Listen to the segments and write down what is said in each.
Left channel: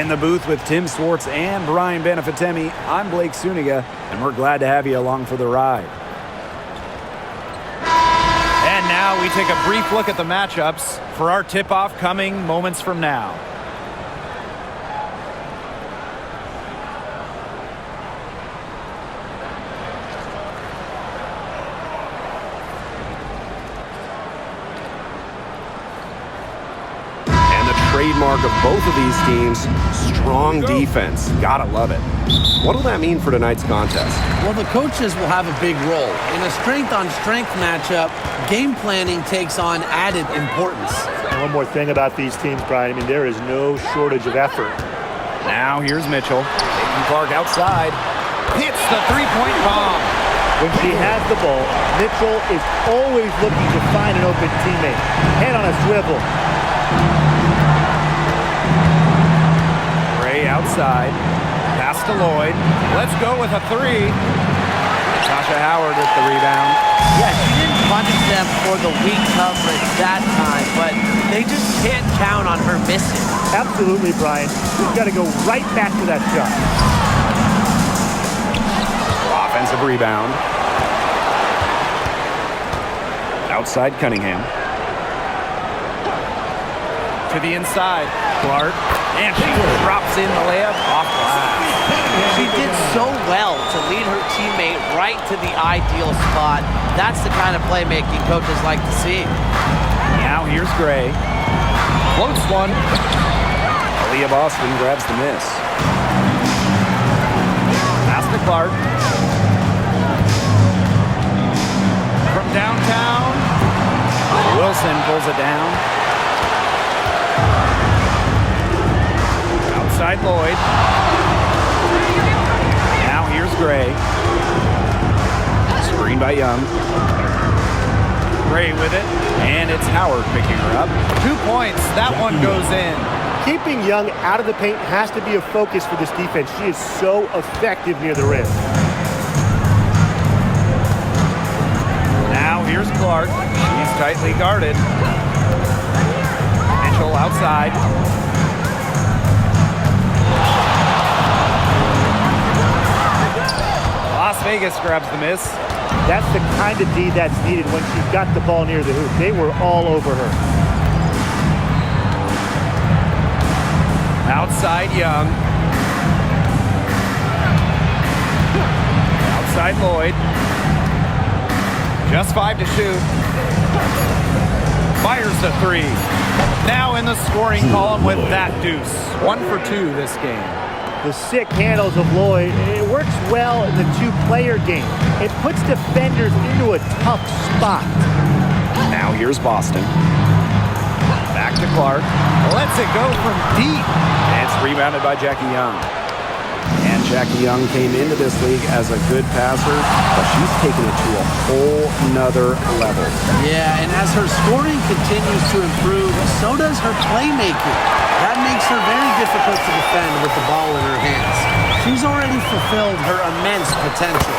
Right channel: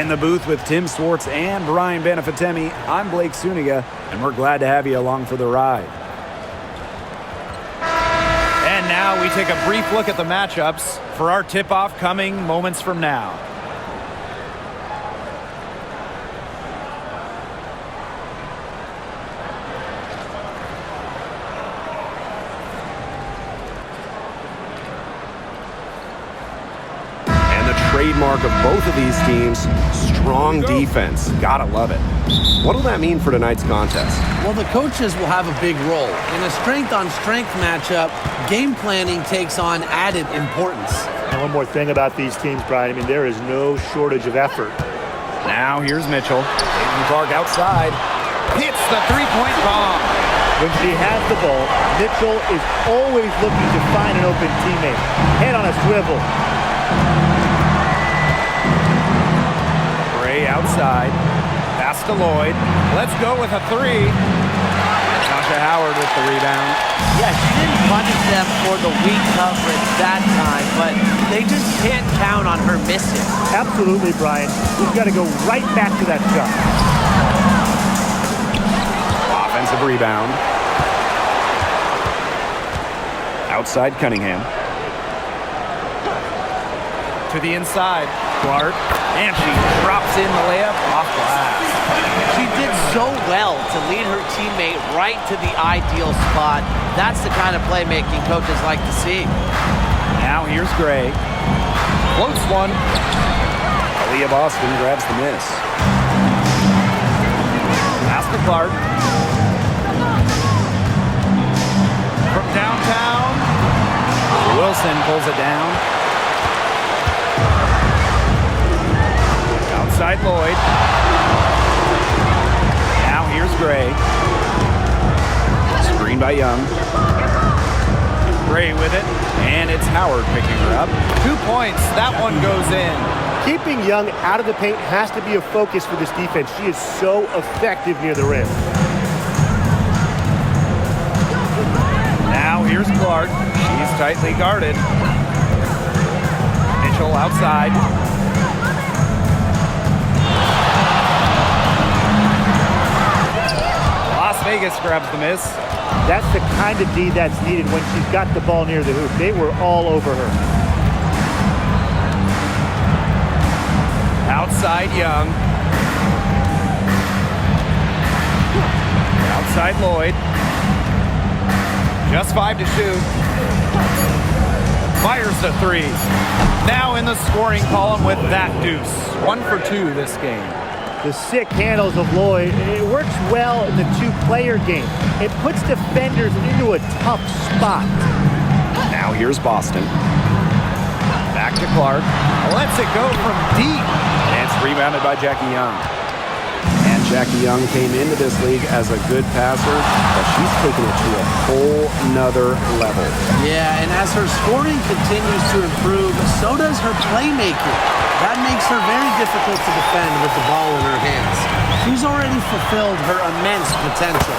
In the booth with Tim Swartz and Brian Benefitemi, I'm Blake Suniga, and we're glad to have you along for the ride. And now we take a brief look at the matchups for our tip-off coming moments from now. Trademark of both of these teams, strong defense. Gotta love it. What will that mean for tonight's contest? Well, the coaches will have a big role. In a strength-on-strength matchup, game planning takes on added importance. And one more thing about these teams, Brian. I mean, there is no shortage of effort. Now here's Mitchell. Caitlin-Clark outside. Hits the three-point bomb. When she has the ball, Mitchell is always looking to find an open teammate. Head on a swivel. Outside, pass to Lloyd. Let's go with a three. Natasha Howard with the rebound. Yeah, she didn't punish them for the weak coverage that time, but they just can't count on her missing. Absolutely, Brian. We've got to go right back to that shot. Offensive rebound. Outside Cunningham. To the inside, Clark. And she drops in the layup off glass. She did so well to lead her teammate right to the ideal spot. That's the kind of playmaking coaches like to see. Now here's Gray. Floats one. Aaliyah Boston grabs the miss. Pass to Clark. From downtown. Wilson pulls it down. Outside Lloyd. Now here's Gray. Screen by Young. Gray with it. And it's Howard picking her up. 2 points. That one goes in. Keeping Young out of the paint has to be a focus for this defense. She is so effective near the rim. Now here's Clark. She's tightly guarded. Mitchell outside. Las Vegas grabs the miss. That's the kind of D that's needed when she's got the ball near the hoop. They were all over her. Outside Young. Outside Lloyd. Just 5 to shoot. Fires the three. Now in the scoring column with that deuce. 1 for 2 this game. The sick handles of Lloyd, it works well in the two-player game. It puts defenders into a tough spot. Now here's Boston. Back to Clark. Lets it go from deep. And it's rebounded by Jackie Young. And Jackie Young came into this league as a good passer, but she's taken it to a whole nother level. Yeah, and as her scoring continues to improve, so does her playmaking. That makes her very difficult to defend with the ball in her hands. She's already fulfilled her immense potential.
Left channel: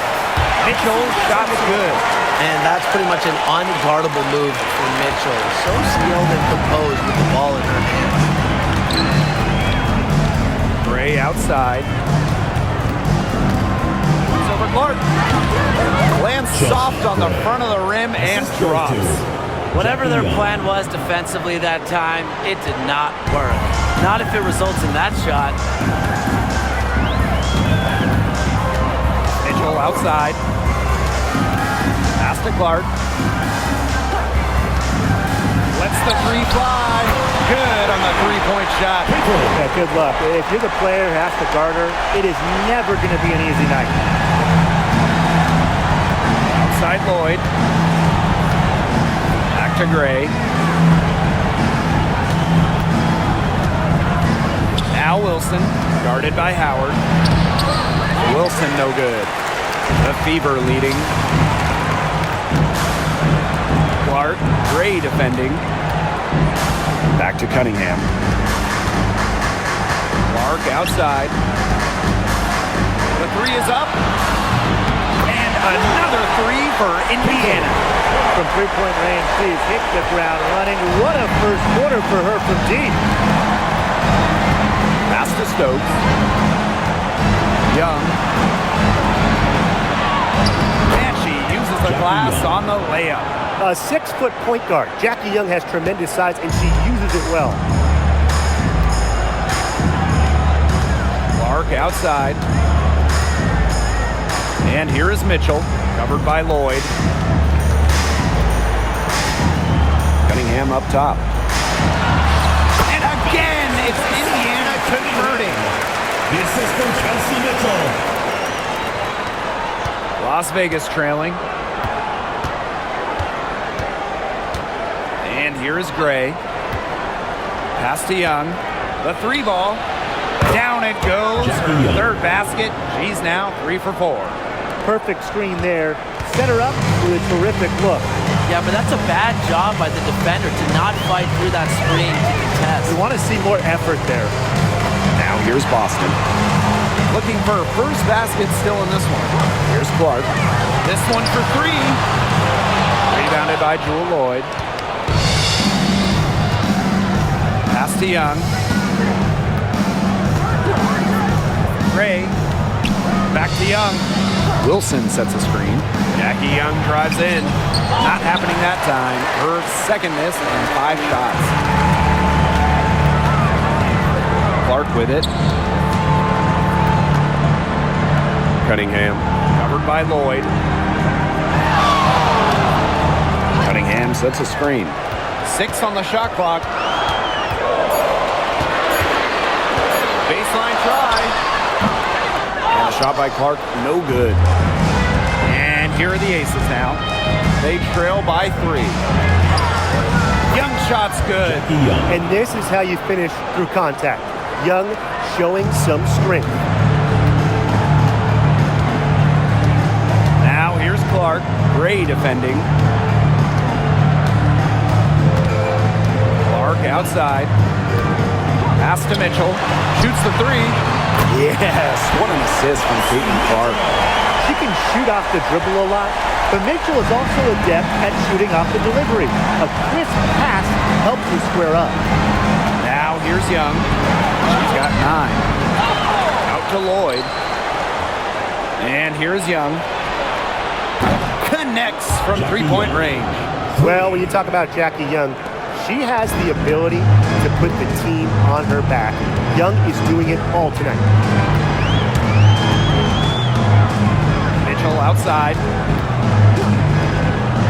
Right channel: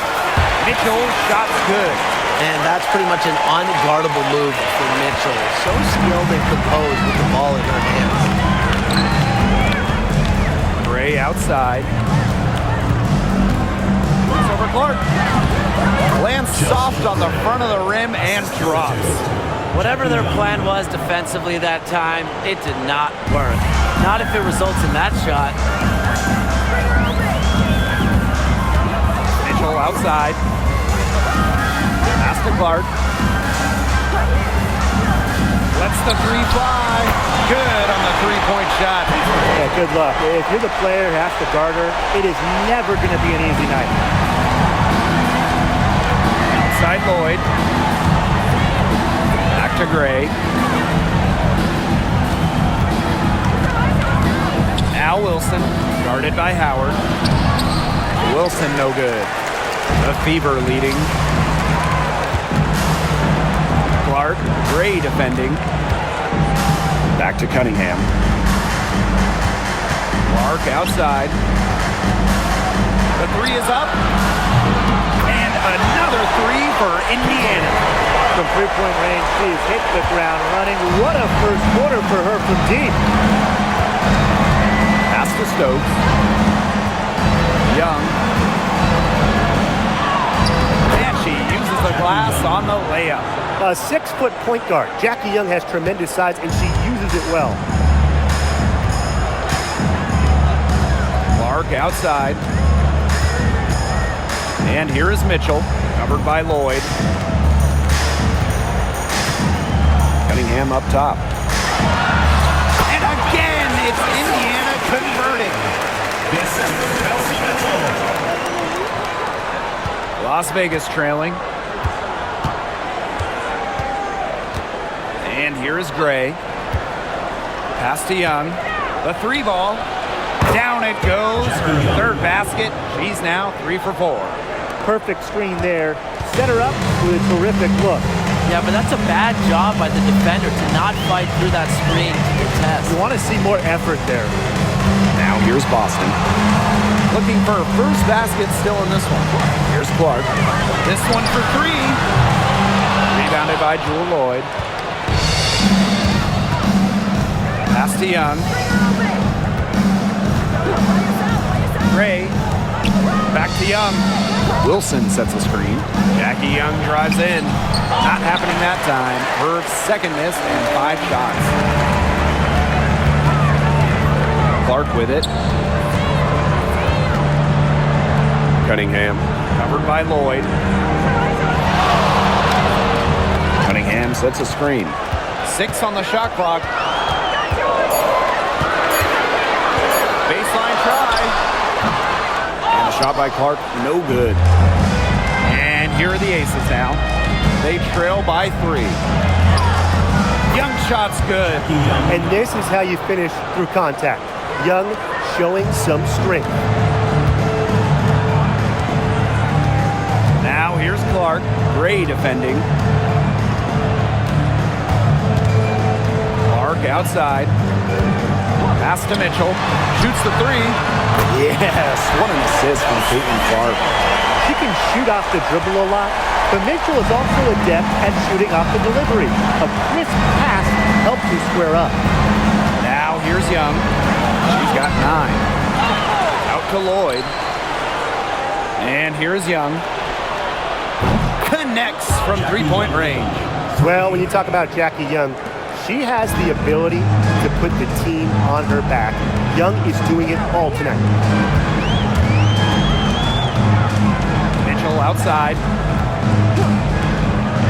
Mitchell, shot's good. And that's pretty much an unguardable move for Mitchell. So skilled and composed with the ball in her hands. Gray outside. Shoots over Clark. Lands soft on the front of the rim and drops. Whatever their plan was defensively that time, it did not work. Not if it results in that shot. Mitchell outside. Pass to Clark. Lets the three fly. Good on the three-point shot. Yeah, good luck. If you're the player who has to guard her, it is never going to be an easy night. Outside Lloyd. Back to Gray. Now Wilson, guarded by Howard. Wilson no good. The Fever leading. Clark, Gray defending. Back to Cunningham. Clark outside. The three is up. And another three for Indiana. From three-point range, she's hit the ground running. What a first quarter for her from deep. Pass to Stokes. Young. And she uses the glass on the layup. A 6-foot point guard. Jackie Young has tremendous size, and she uses it well. Clark outside. And here is Mitchell, covered by Lloyd. Cunningham up top. And again, it's Indiana converting. The assistant, Kelsey Mitchell. Las Vegas trailing. And here is Gray. Pass to Young. The 3 ball. Down it goes. Her third basket. She's now 3 for 4. Perfect screen there. Set her up with a terrific look. Yeah, but that's a bad job by the defender to not fight through that screen to contest. You want to see more effort there. Now here's Boston. Looking for her first basket still in this one. Here's Clark. This one for 3. Rebounded by Jewel Lloyd. Pass to Young. Gray. Back to Young. Wilson sets a screen. Jackie Young drives in. Not happening that time. Her second miss and 5 shots. Clark with it. Cunningham. Covered by Lloyd. Cunningham sets a screen. 6 on the shot clock. Baseline try. And a shot by Clark, no good. And here are the aces now. They trail by 3. Young shot's good. And this is how you finish through contact. Young showing some strength. Now here's Clark. Gray defending. Clark outside. Pass to Mitchell. Shoots the 3. Yes, what an assist from Caitlin Clark. She can shoot off the dribble a lot, but Mitchell is also adept at shooting off the delivery. A crisp pass helps you square up. Now here's Young. She's got 9. Out to Lloyd. And here's Young. Connects from 3-point range. Well, when you talk about Jackie Young, she has the ability to put the team on her back. Young is doing it all tonight. Mitchell outside.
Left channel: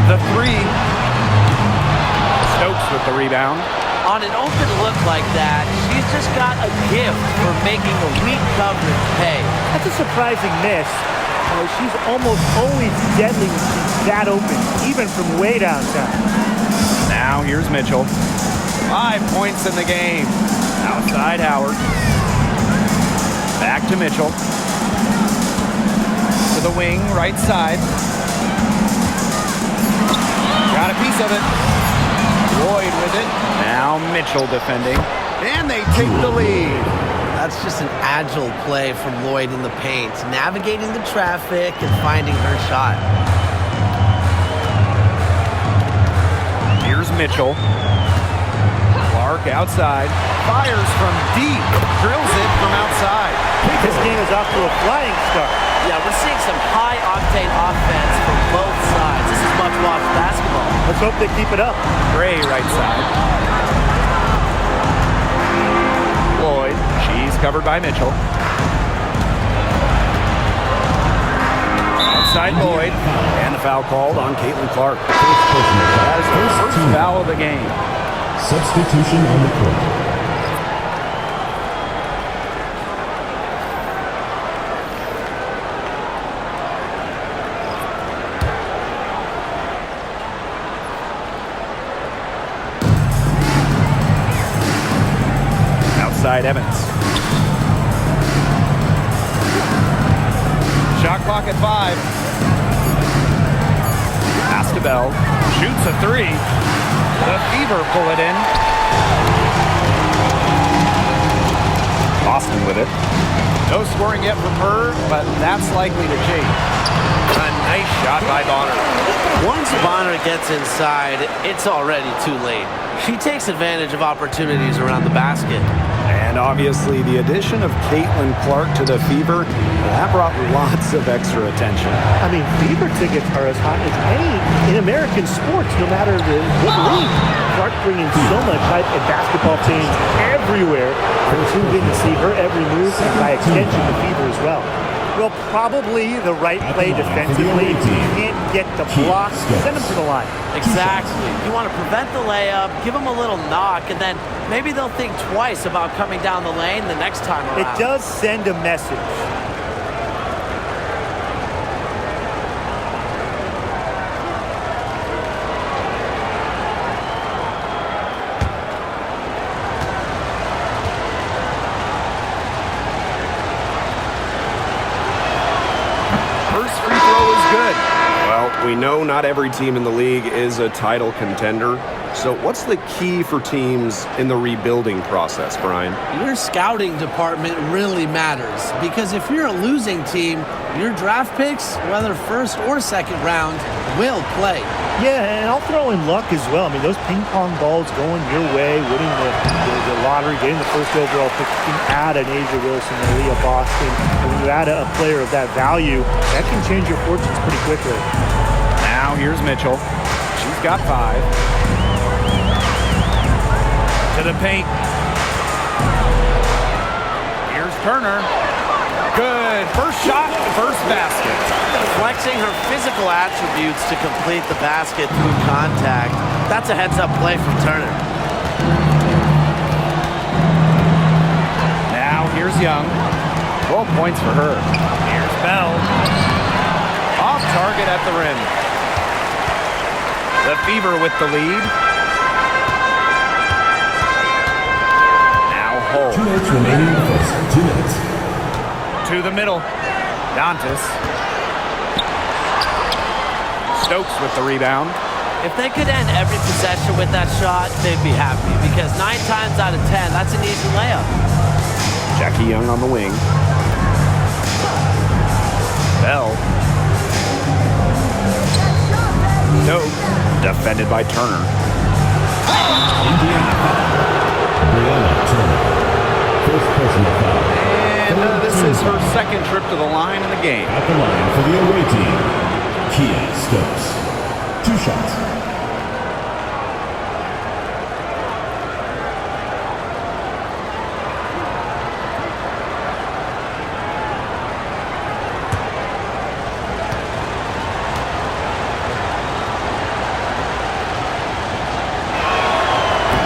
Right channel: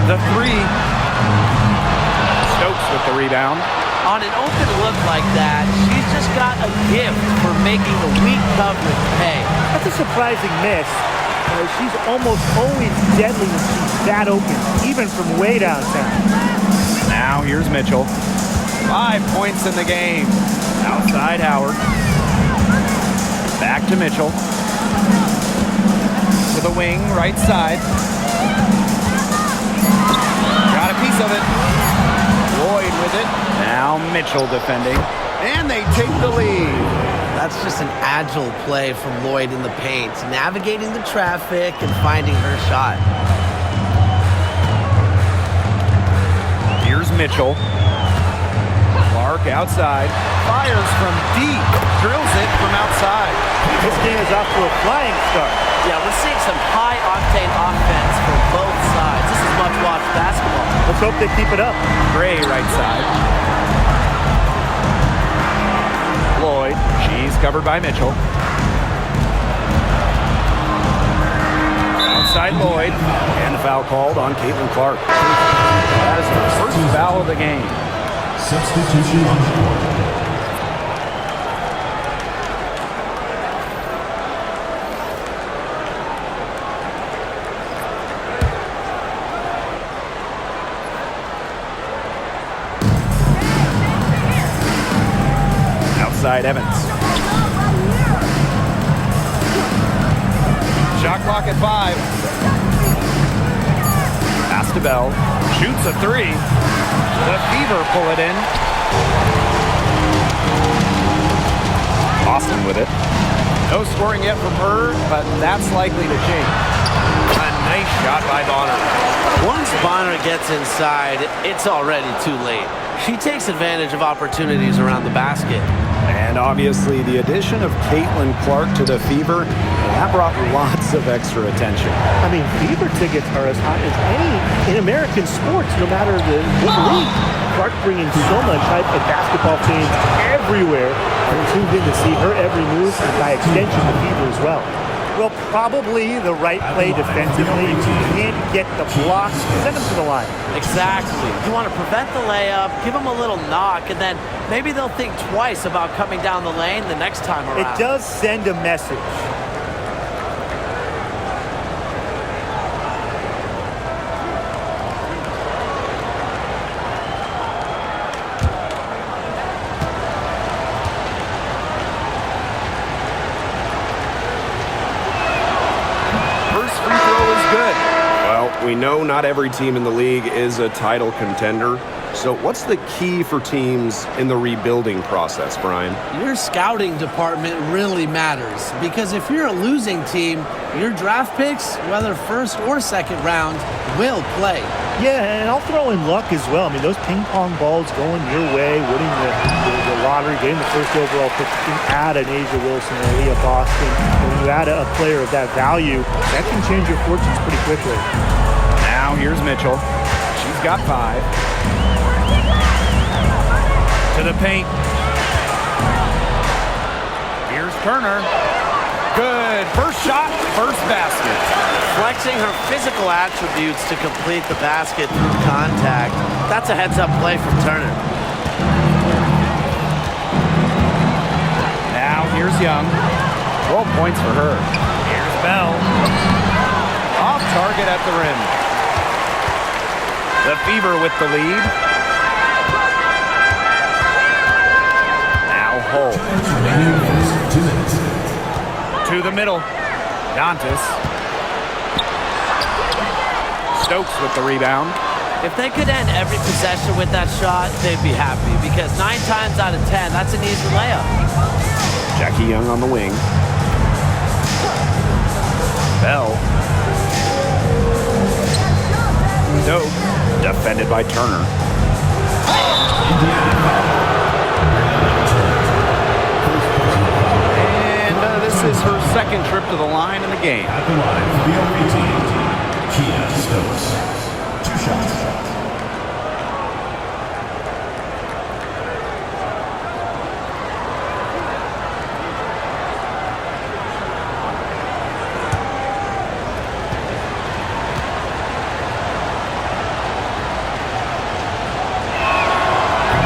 The 3. Stokes with the rebound. On an open look like that, she's just got a gift for making the weak coverage pay. That's a surprising miss. She's almost always deadly when she's that open, even from way downtown. Now here's Mitchell. 5 points in the game. Outside Howard. Back to Mitchell. To the wing, right side. Got a piece of it. Lloyd with it. Now Mitchell defending. And they take the lead. That's just an agile play from Lloyd in the paint, navigating the traffic and finding her shot. Here's Mitchell. Clark outside. Fires from deep. Drills it from outside. This game is off to a flying start. Yeah, we're seeing some high-octane offense from both sides. This is much-watched basketball. Let's hope they keep it up. Gray right side. Lloyd. She's covered by Mitchell. Outside Lloyd. And a foul called on Caitlin Clark. That is her first foul of the game. Substitution on the court. Outside Evans. Shot clock at 5. Pass to Bell. Shoots a 3. The Fever pull it in. Boston with it. No scoring yet from her, but that's likely to change. A nice shot by Bonner. Once Bonner gets inside, it's already too late. She takes advantage of opportunities around the basket. And obviously the addition of Clark to the Fever, that brought lots of extra attention. I mean, Fever tickets are as hot as any in American sports, no matter what league. Clark bringing so much hype, and basketball fans everywhere are tuned in to see her every move, and by extension, the Fever as well. Well, probably the right play defensively. If you can't get the block, send them to the line. Exactly. You want to prevent the layup, give them a little knock, and then maybe they'll think twice about coming down the lane the next time around. It does send a message. First free throw is good. Well, we know not every team in the league is a title contender. So what's the key for teams in the rebuilding process, Brian? Your scouting department really matters, because if you're a losing team, your draft picks, whether first or second round, will play. Yeah, and I'll throw in luck as well. I mean, those ping pong balls going your way, winning the lottery, getting the first overall pick, you can add an Asia Wilson, an Aaliyah Boston, and when you add a player of that value, that can change your fortunes pretty quickly. Now here's Mitchell. She's got 5. To the paint. Here's Turner. Good. First shot, first basket. Flexing her physical attributes to complete the basket through contact. That's a heads-up play from Turner. Now here's Young. 12 points for her. Here's Bell. Off target at the rim. The Fever with the lead. Now Hull. 2 minutes remaining in the first. 2 minutes. To the middle. Dantas. Stokes with the rebound. If they could end every possession with that shot, they'd be happy, because 9 times out of 10, that's an easy layup. Jackie Young on the wing. Bell. Stokes. Defended by Turner. Indiana foul. Brianna Turner. First personal foul. And this is her second trip to the line in the game. At the line for the away team, Kia Stokes. 2 shots.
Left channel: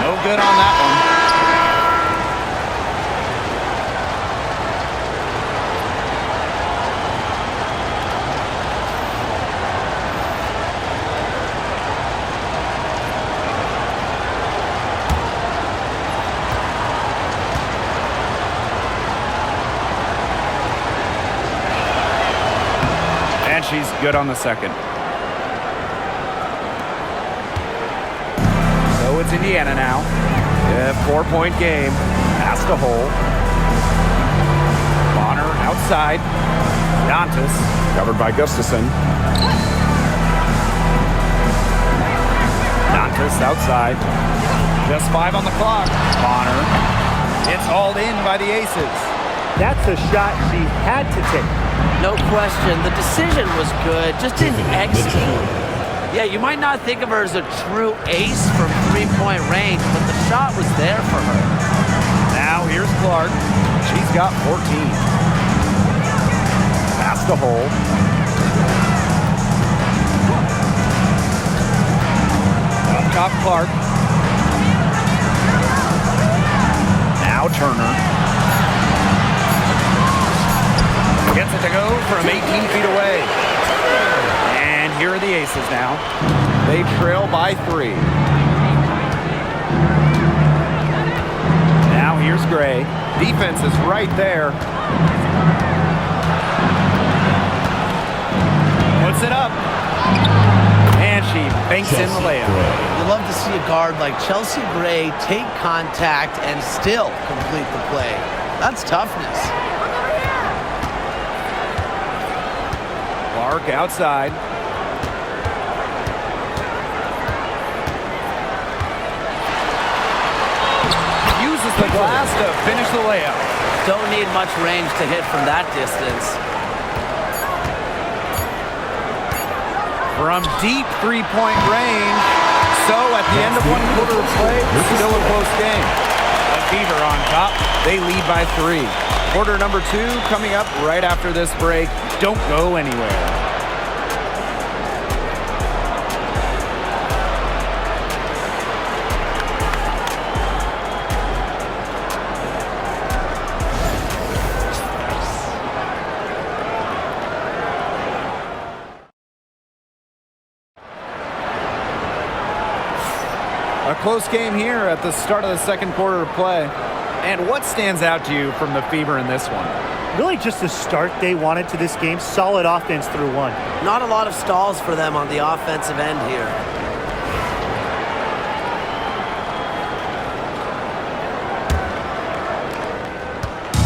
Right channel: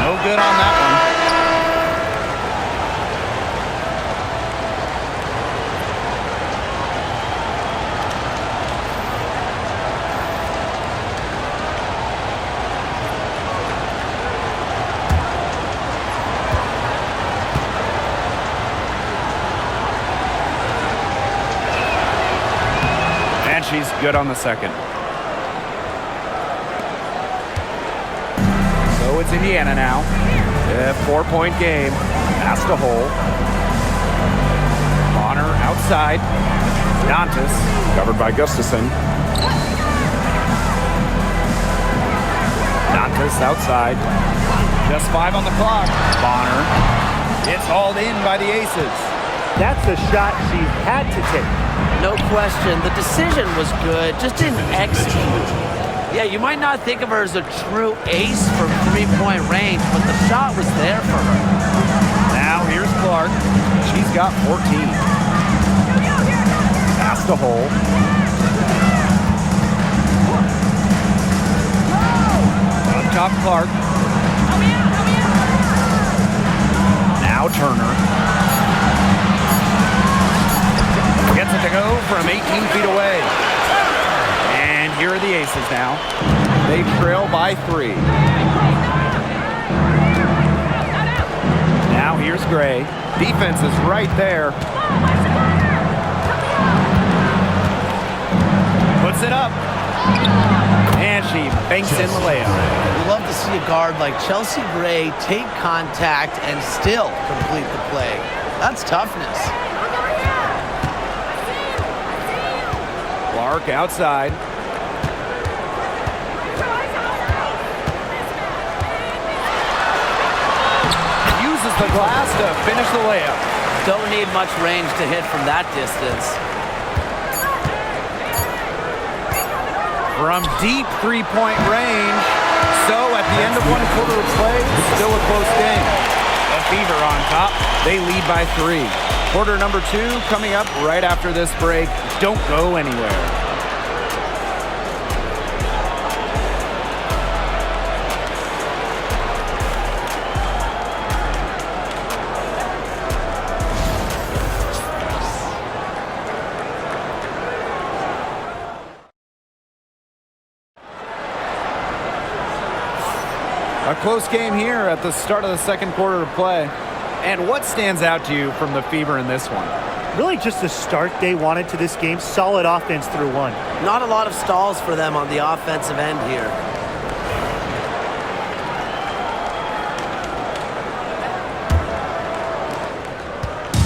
No good on that one. And she's good on the second. So it's Indiana now. 4-point game. Pass to Hull. Bonner outside. Dantas. Covered by Gustafson. Dantas outside. Just 5 on the clock. Bonner. It's hauled in by the Aces. That's a shot she had to take. No question. The decision was good, just didn't execute. Yeah, you might not think of her as a true ace from 3-point range, but the shot was there for her. Now here's Clark. She's got 14. Pass to Hull. Up top, Clark. Now Turner. Gets it to go from 18 feet away. And here are the Aces now. They trail by 3. Now here's Gray. Defense is right there. Puts it up. And she banks in the layup. You love to see a guard like Chelsea Gray take contact and still complete the play. That's toughness. Clark outside. uses the glass to finish the layup. Don't need much range to hit from that distance. From deep three-point range. So at the end of one quarter of play, still a close game. The Fever on top. They lead by 3. Quarter number 2 coming up right after this break. Don't go anywhere. A close game here at the start of the second quarter of play. And what stands out to you from the Fever in this one? Really just the start they wanted to this game. Solid offense through 1. Not a lot of stalls for them on the offensive end here.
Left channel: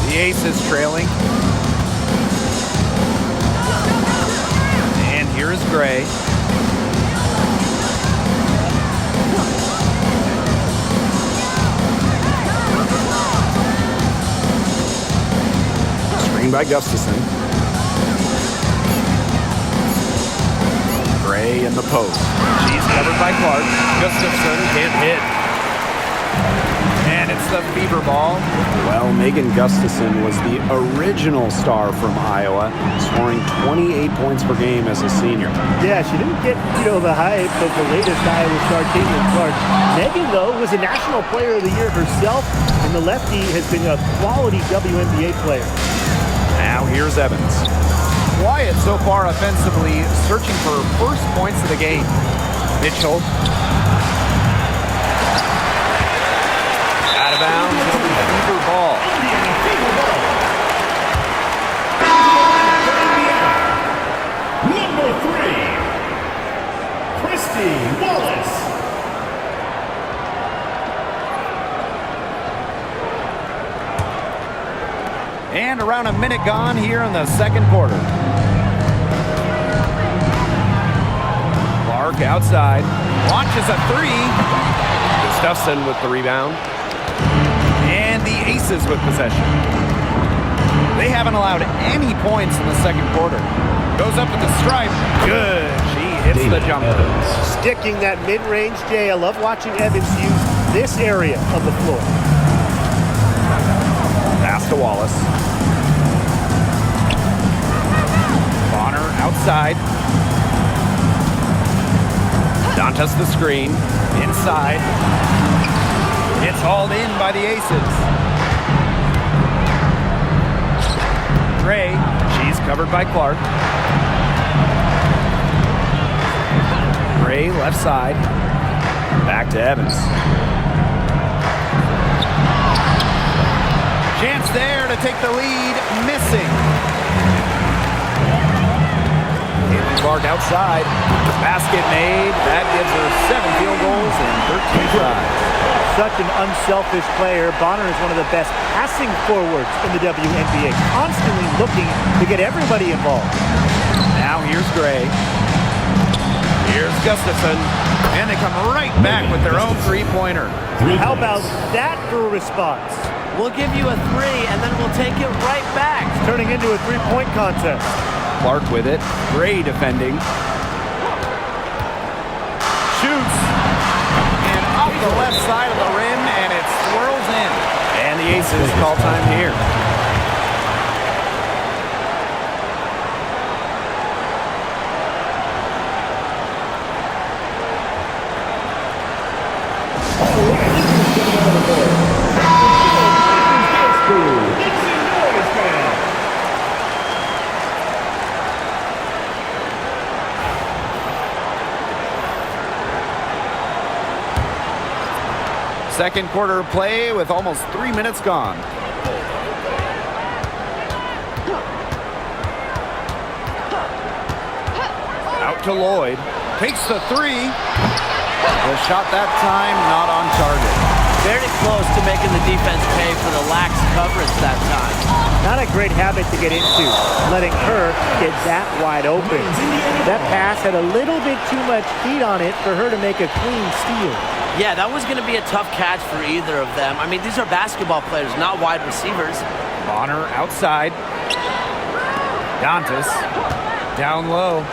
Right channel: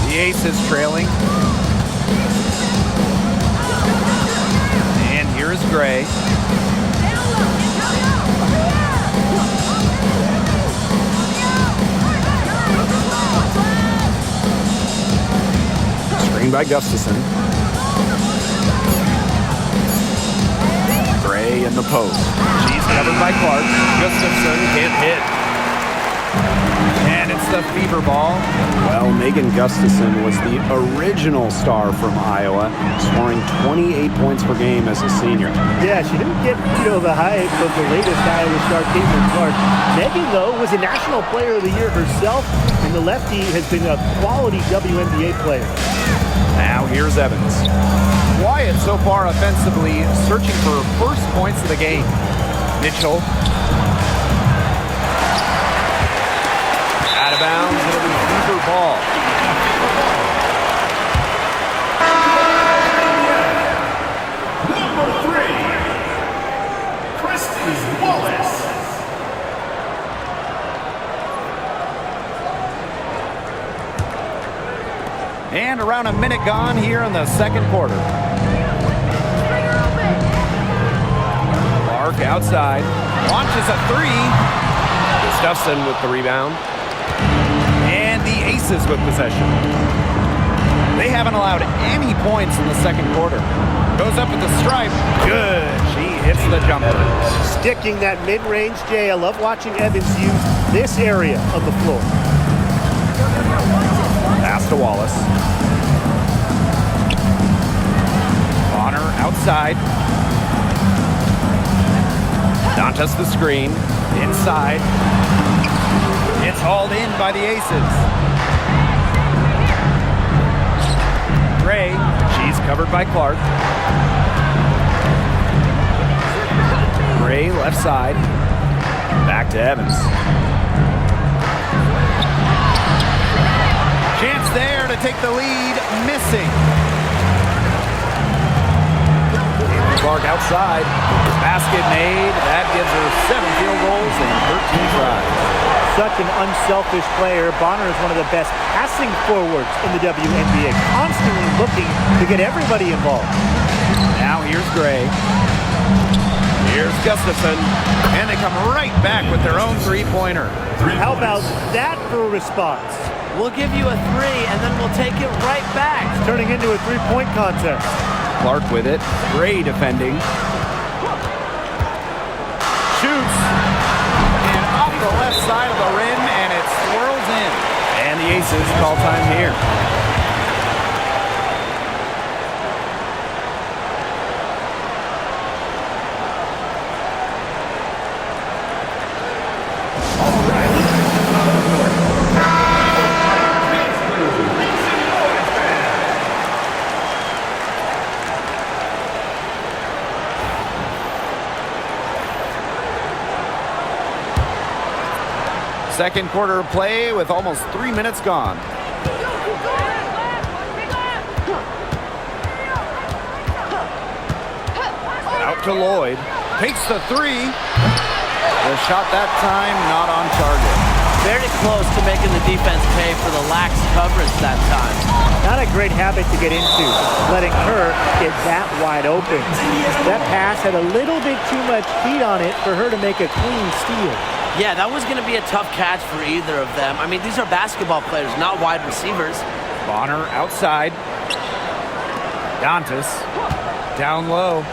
The Aces trailing. And here is Gray. Screen by Gustafson. Gray in the post. She's covered by Clark. Gustafson can't hit. And it's the Fever ball. Well, Megan Gustafson was the original star from Iowa, scoring 28 points per game as a senior. Yeah, she didn't get, the hype of the latest Iowa star, CaitlinClark. Megan, though, was a National Player of the Year herself, and the lefty has been a quality WNBA player. Now here's Evans. Quiet so far offensively, searching for first points of the game. Mitchell. Out of bounds, it'll be Fever ball. Number 3, Christy Wallace. And around a minute gone here in the second quarter. Clark outside, launches a 3. Gustafson with the rebound. And the Aces with possession. They haven't allowed any points in the second quarter. Goes up at the stripe. Good. She hits the jumper. Sticking that mid-range, Jay. I love watching Evans use this area of the floor. Pass to Wallace. Bonner outside. Dantas the screen. Inside. It's hauled in by the Aces. Gray. She's covered by Clark. Gray left side. Back to Evans. Chance there to take the lead. Missing. Clark outside. Basket made. That gives her 7 field goals and 13 tries. Such an unselfish player. Bonner is one of the best passing forwards in the WNBA, constantly looking to get everybody involved. Now here's Gray. Here's Gustafson. And they come right back with their own three-pointer. How about that for a response? We'll give you a 3, and then we'll take it right back. It's turning into a three-point contest. Clark with it. Gray defending. Shoots. And off the left side of the rim, and it swirls in. And the Aces call time here. Second quarter of play with almost 3 minutes gone. Out to Lloyd. Takes the 3. The shot that time not on target. Very close to making the defense pay for the lax coverage that time. Not a great habit to get into, letting her get that wide open. That pass had a little bit too much heat on it for her to make a clean steal. Yeah, that was going to be a tough catch for either of them. I mean, these are basketball players, not wide receivers. Bonner outside. Dantas down low.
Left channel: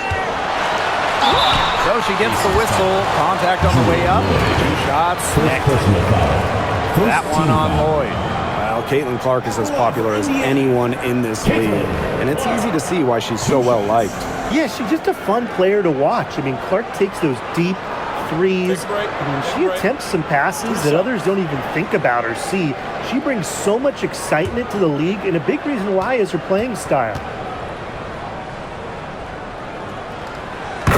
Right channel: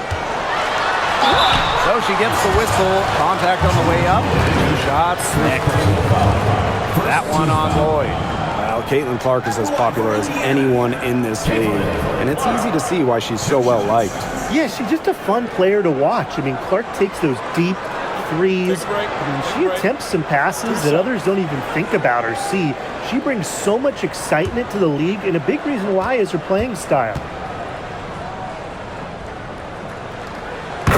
So she gets the whistle. Contact on the way up. 2 shots. Next. That one on Lloyd. Well, Caitlin is as popular as anyone in this league, and it's easy to see why she's so well liked. Yeah, she's just a fun player to watch. I mean, Clark takes those deep threes. I mean, she attempts some passes that others don't even think about or see. She brings so much excitement to the league, and a big reason why is her playing style.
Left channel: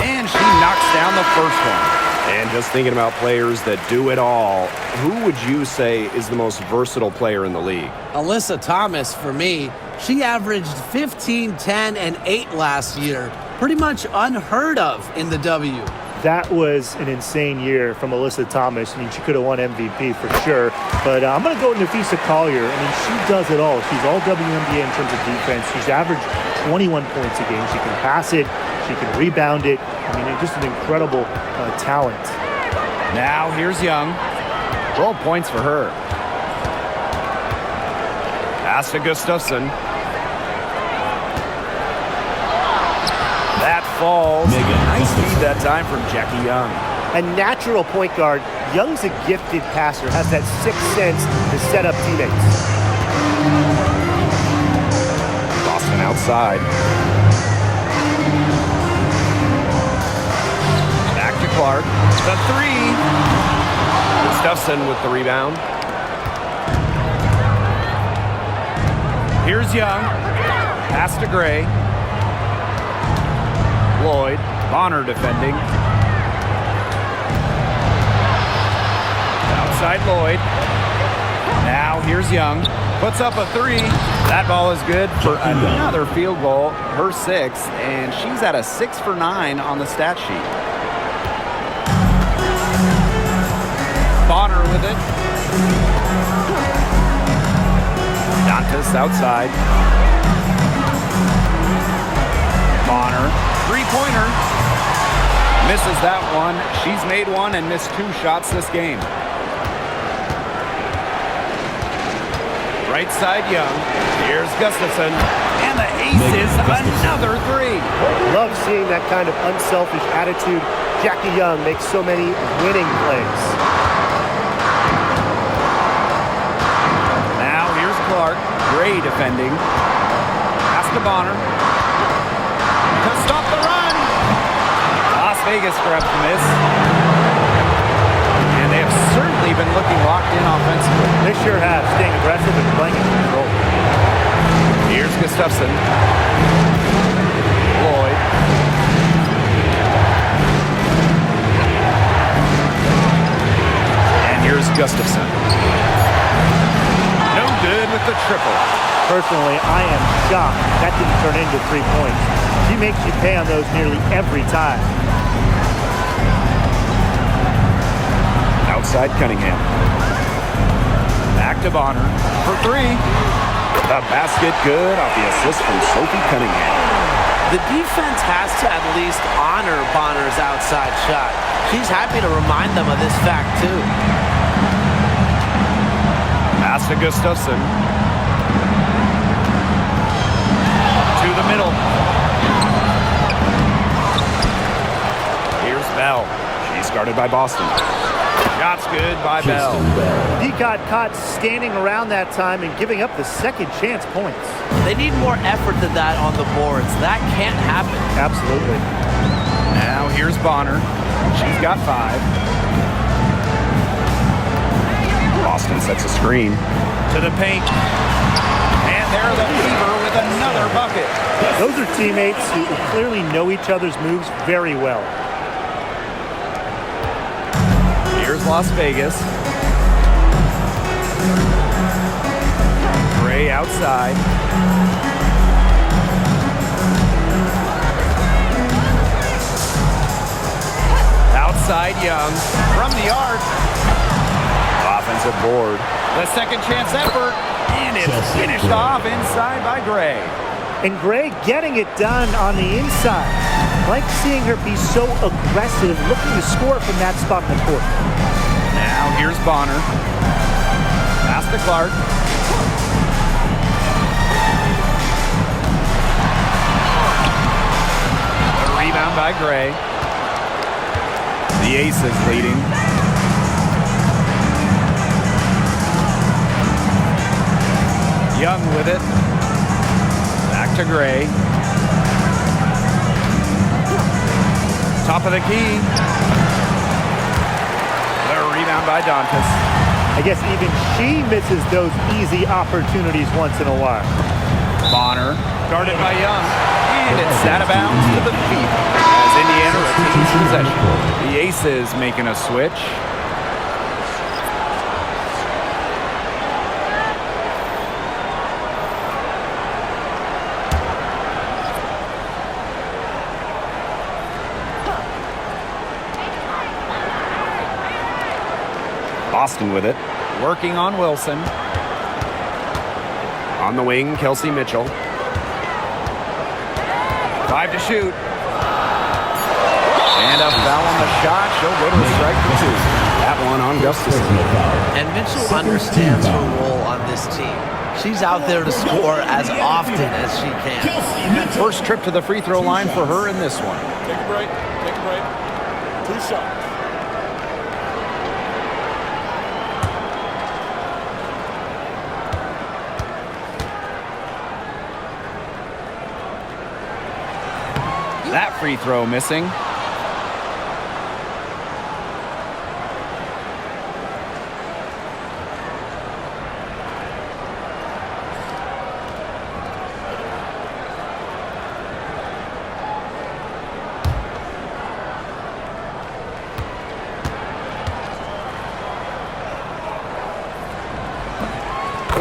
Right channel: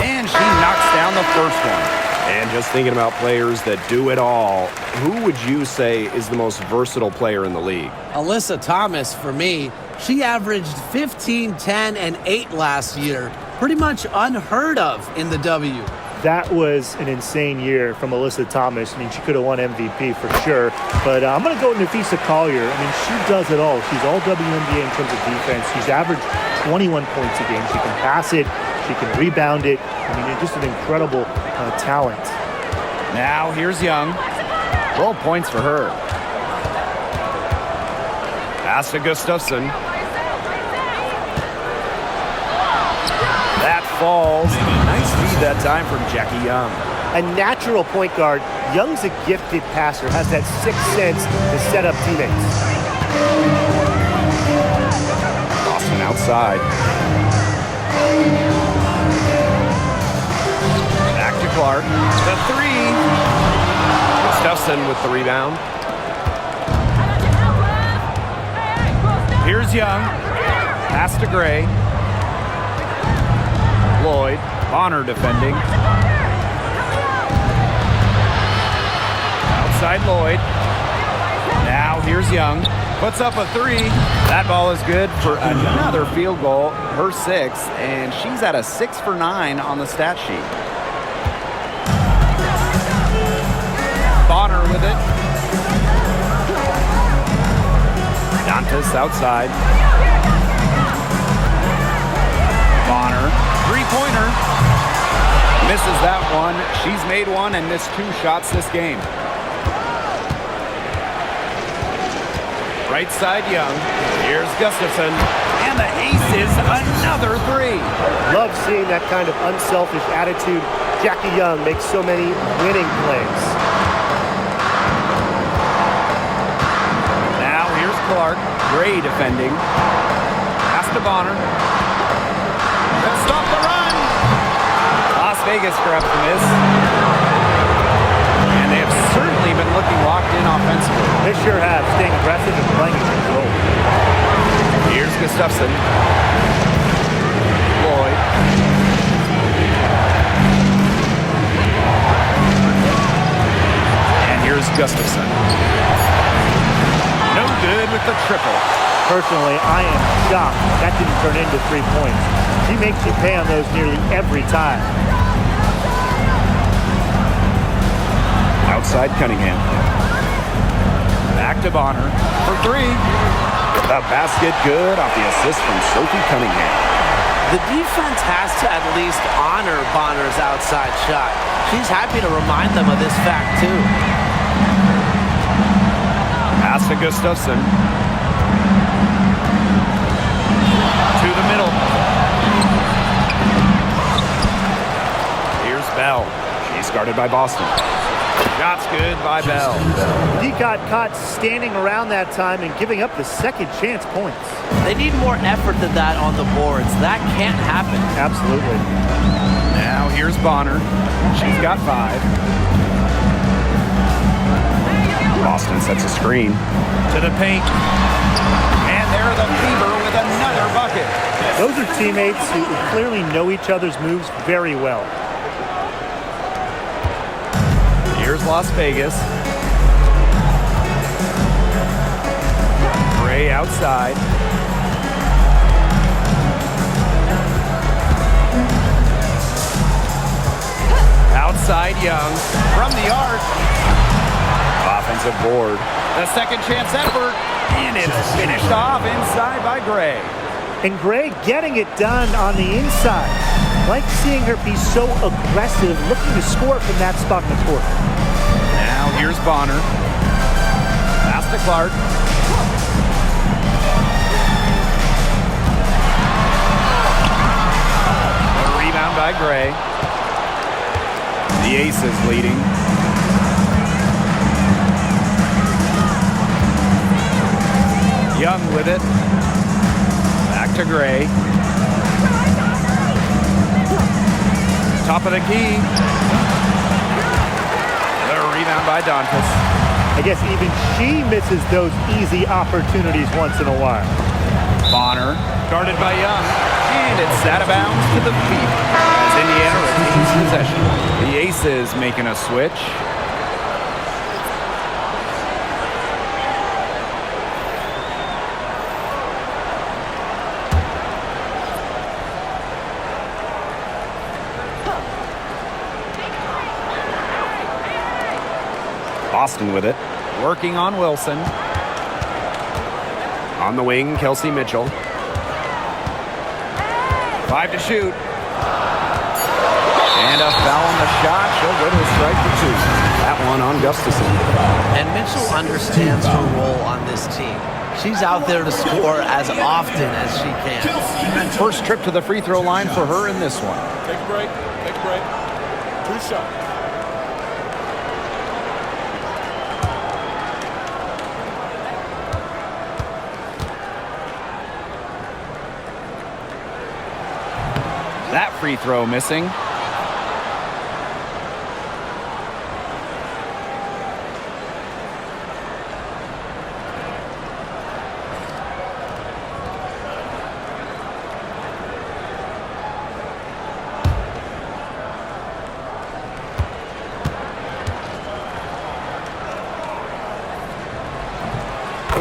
And she knocks down the first one. And just thinking about players that do it all, who would you say is the most versatile player in the league? Alyssa Thomas, for me, she averaged 15, 10, and 8 last year. Pretty much unheard of in the W. That was an insane year from Alyssa Thomas. I mean, she could have won MVP for sure. But I'm going to go with Nafisa Collier. I mean, she does it all. She's all WNBA in terms of defense. She's averaged 21 points a game. She can pass it. She can rebound it. I mean, it's just an incredible talent. Now here's Young. 12 points for her. Pass to Gustafson. That falls. Nice feed that time from Jackie Young. A natural point guard, Young's a gifted passer, has that sixth sense to set up teammates. Boston outside. Back to Clark. The 3. Gustafson with the rebound. Here's Young. Pass to Gray. Lloyd. Bonner defending. Outside Lloyd. Now here's Young. Puts up a 3. That ball is good for another field goal. Her 6th, and she's at a 6 for 9 on the stat sheet. Bonner with it. Dantas outside. Bonner, 3-pointer. Misses that one. She's made 1 and missed 2 shots this game. Right side Young. Here's Gustafson. And the ace is another 3. Love seeing that kind of unselfish attitude. Jackie Young makes so many winning plays. Now here's Clark. Gray defending. Pass to Bonner. To stop the run. Las Vegas grabs the miss. And they have certainly been looking locked in offensively. They sure have, staying aggressive and playing in control. Here's Gustafson. Lloyd. And here's Gustafson. No good with the triple. Personally, I am shocked that didn't turn into 3 points. She makes you pay on those nearly every time. Outside Cunningham. Back to Bonner for 3. The basket good off the assist from Sophie Cunningham. The defense has to at least honor Bonner's outside shot. She's happy to remind them of this fact, too. Pass to Gustafson. To the middle. Here's Bell. She's guarded by Boston. Shot's good by Bell. D got caught standing around that time and giving up the second chance points. They need more effort than that on the boards. That can't happen. Absolutely. Now here's Bonner. She's got 5. Boston sets a screen. To the paint. And there the Fever with another bucket. Those are teammates who clearly know each other's moves very well. Here's Las Vegas. Gray outside. Outside Young. From the arc. Offensive board. The second chance effort. And it's finished off inside by Gray. And Gray getting it done on the inside. Like seeing her be so aggressive, looking to score from that spot in the court. Now here's Bonner. Pass to Clark. The rebound by Gray. The Aces leading. Young with it. Back to Gray. Top of the key. The rebound by Dantas. I guess even she misses those easy opportunities once in a while. Bonner, guarded by Young. And it's out of bounds to the feet as Indiana retains possession. The Aces making a switch. Boston with it. Working on Wilson. On the wing, Kelsey Mitchell. 5 to shoot. And a foul on the shot. She'll go to a strike for 2. That one on Gustafson. And Mitchell understands her role on this team. She's out there to score as often as she can. First trip to the free throw line for her in this one. Take a break. Take a break. 2 shots. That free throw missing.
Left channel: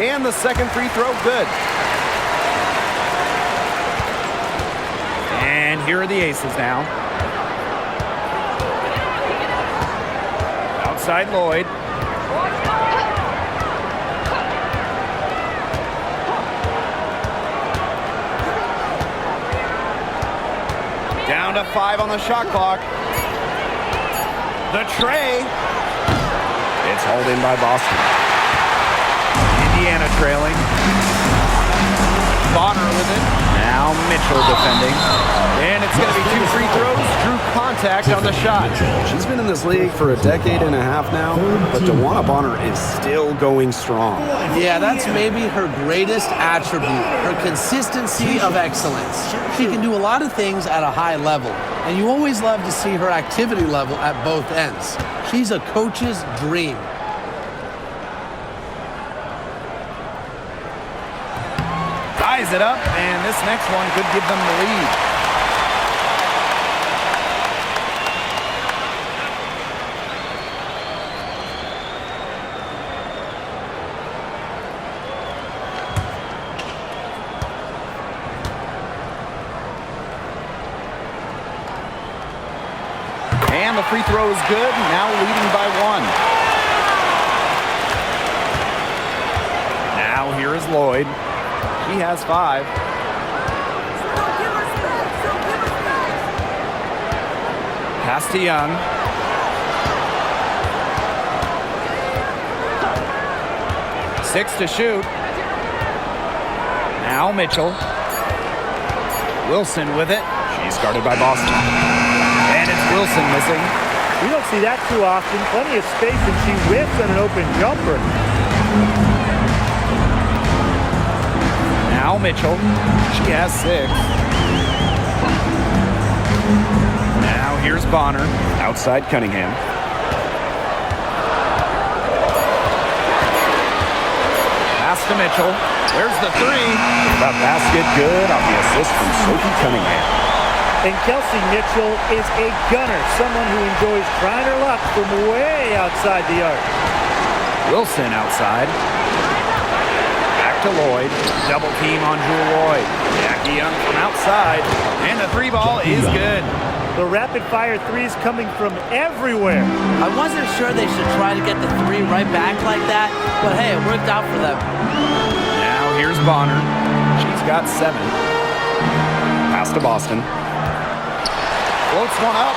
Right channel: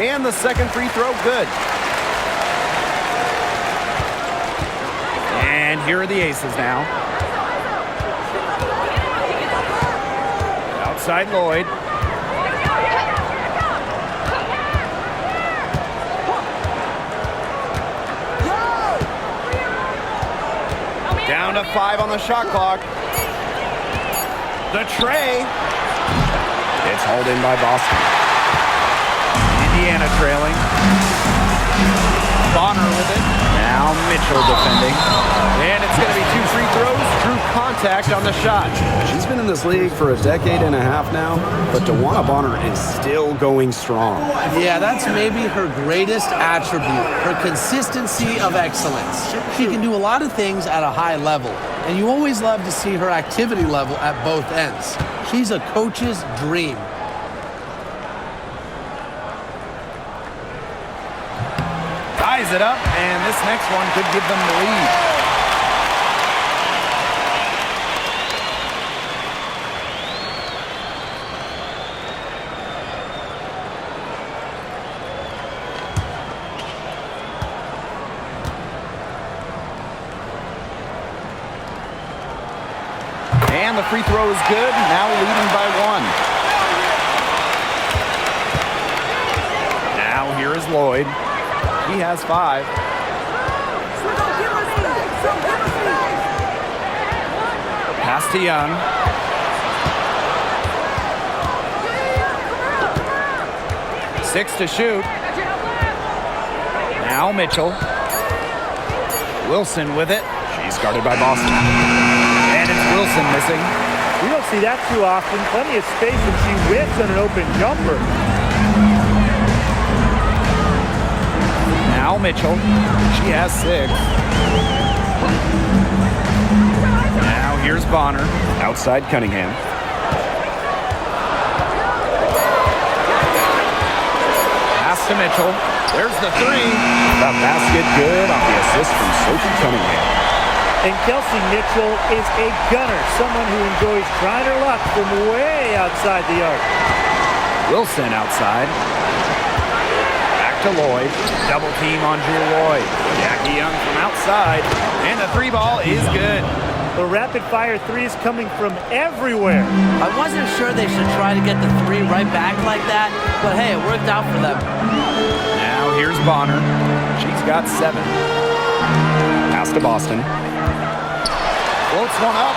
And the second free throw, good. And here are the Aces now. Outside Lloyd. Down to 5 on the shot clock. The tray. It's hauled in by Boston. Indiana trailing. Bonner with it. Now Mitchell defending. And it's going to be 2 free throws. Drew contact on the shot. She's been in this league for a decade and a half now, but DeWanna Bonner is still going strong. Yeah, that's maybe her greatest attribute, her consistency of excellence. She can do a lot of things at a high level, and you always love to see her activity level at both ends. She's a coach's dream. Ties it up, and this next one could give them the lead. And the free throw is good, now leading by 1. Now here is Lloyd. He has 5. Pass to Young. Six to shoot. Now Mitchell. Wilson with it. She's guarded by Boston. And it's Wilson missing. We don't see that too often. Plenty of space, and she whiffs on an open jumper. Now Mitchell. She has 6. Now here's Bonner. Outside Cunningham. Pass to Mitchell. There's the 3. The basket good off the assist from Sophie Cunningham. And Kelsey Mitchell is a gunner, someone who enjoys trying her luck from way outside the arc. Wilson outside. Back to Lloyd. Double team on Jewel Lloyd. Jackie Young from outside. And the 3 ball is good. The rapid-fire threes coming from everywhere. I wasn't sure they should try to get the 3 right back like that, but hey, it worked out for them. Now here's Bonner. She's got 7. Pass to Boston. Floats one up.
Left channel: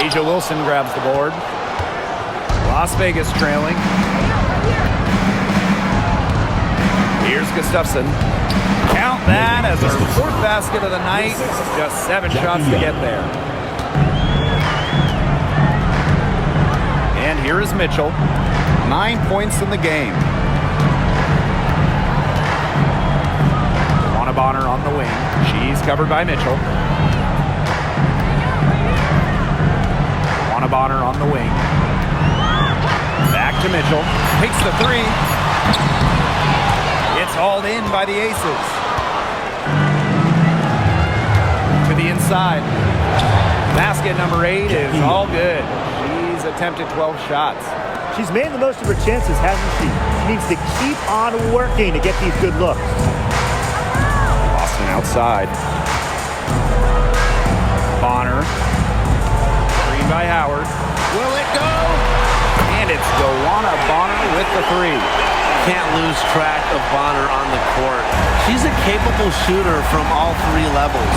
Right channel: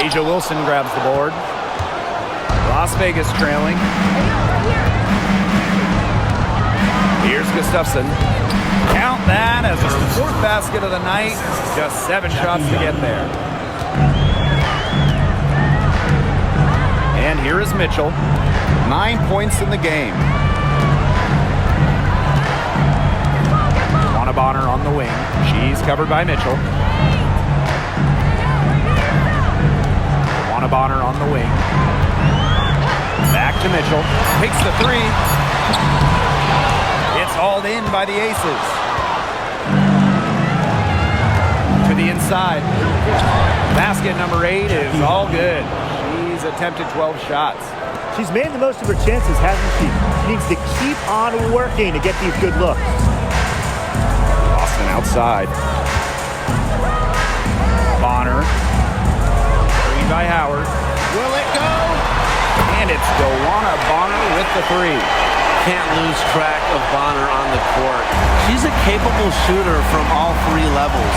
Asia Wilson grabs the board. Las Vegas trailing. Here's Gustafson. Count that as her fourth basket of the night. Just 7 shots to get there. And here is Mitchell. 9 points in the game. Juana Bonner on the wing. She's covered by Mitchell. Juana Bonner on the wing. Back to Mitchell. Takes the 3. It's hauled in by the Aces. To the inside. Basket number 8 is all good. She's attempted 12 shots. She's made the most of her chances, hasn't she? She needs to keep on working to get these good looks. Boston outside. Bonner. Screen by Howard. Will it go? And it's DeWanna Bonner with the 3. Can't lose track of Bonner on the court. She's a capable shooter from all 3 levels.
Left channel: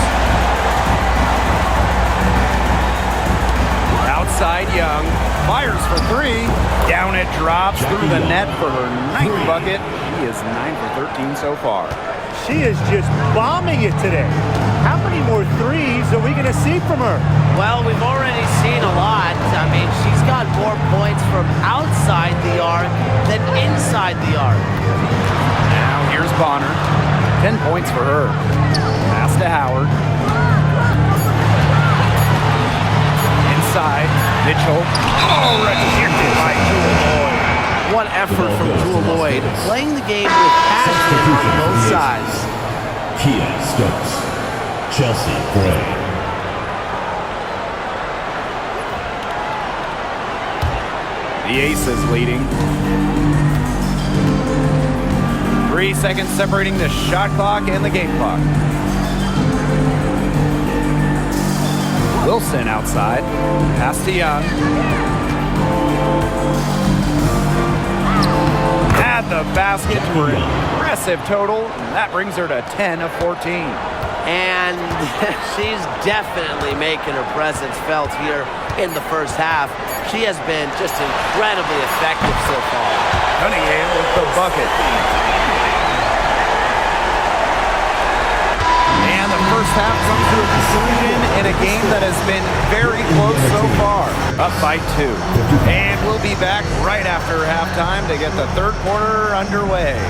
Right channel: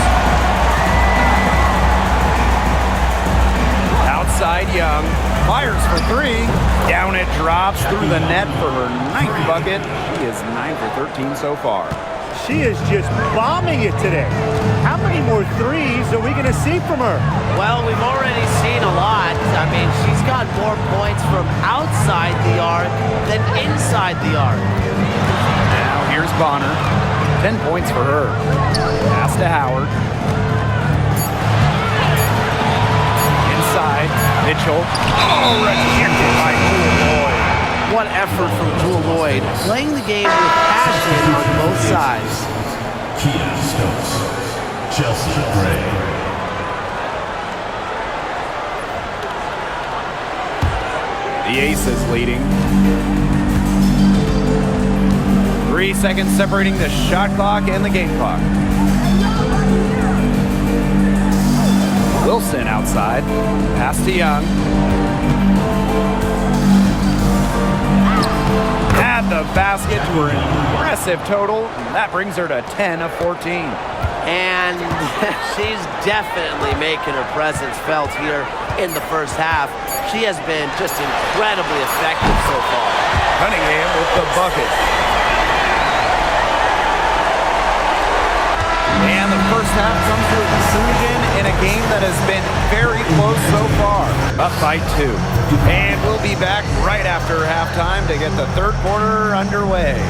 Outside Young. Fires for 3. Down it drops through the net for her 9th bucket. She is 9 for 13 so far. She is just bombing it today. How many more 3s are we going to see from her? Well, we've already seen a lot. I mean, she's got more points from outside the arc than inside the arc. Now here's Bonner. 10 points for her. Pass to Howard. Inside, Mitchell. Oh, rejected by Jewel Lloyd. What effort from Jewel Lloyd, playing the game with passion on both sides. Kia Stokes. Chelsea Gray. The Aces leading. 3 seconds separating the shot clock and the game clock. Wilson outside. Pass to Young. At the basket to her impressive total. And that brings her to 10 of 14. And she's definitely making her presence felt here in the first half. She has been just incredibly effective so far. Cunningham with the bucket. And the first half comes to a conclusion in a game that has been very close so far. Up by 2. And we'll be back right after halftime to get the third quarter underway.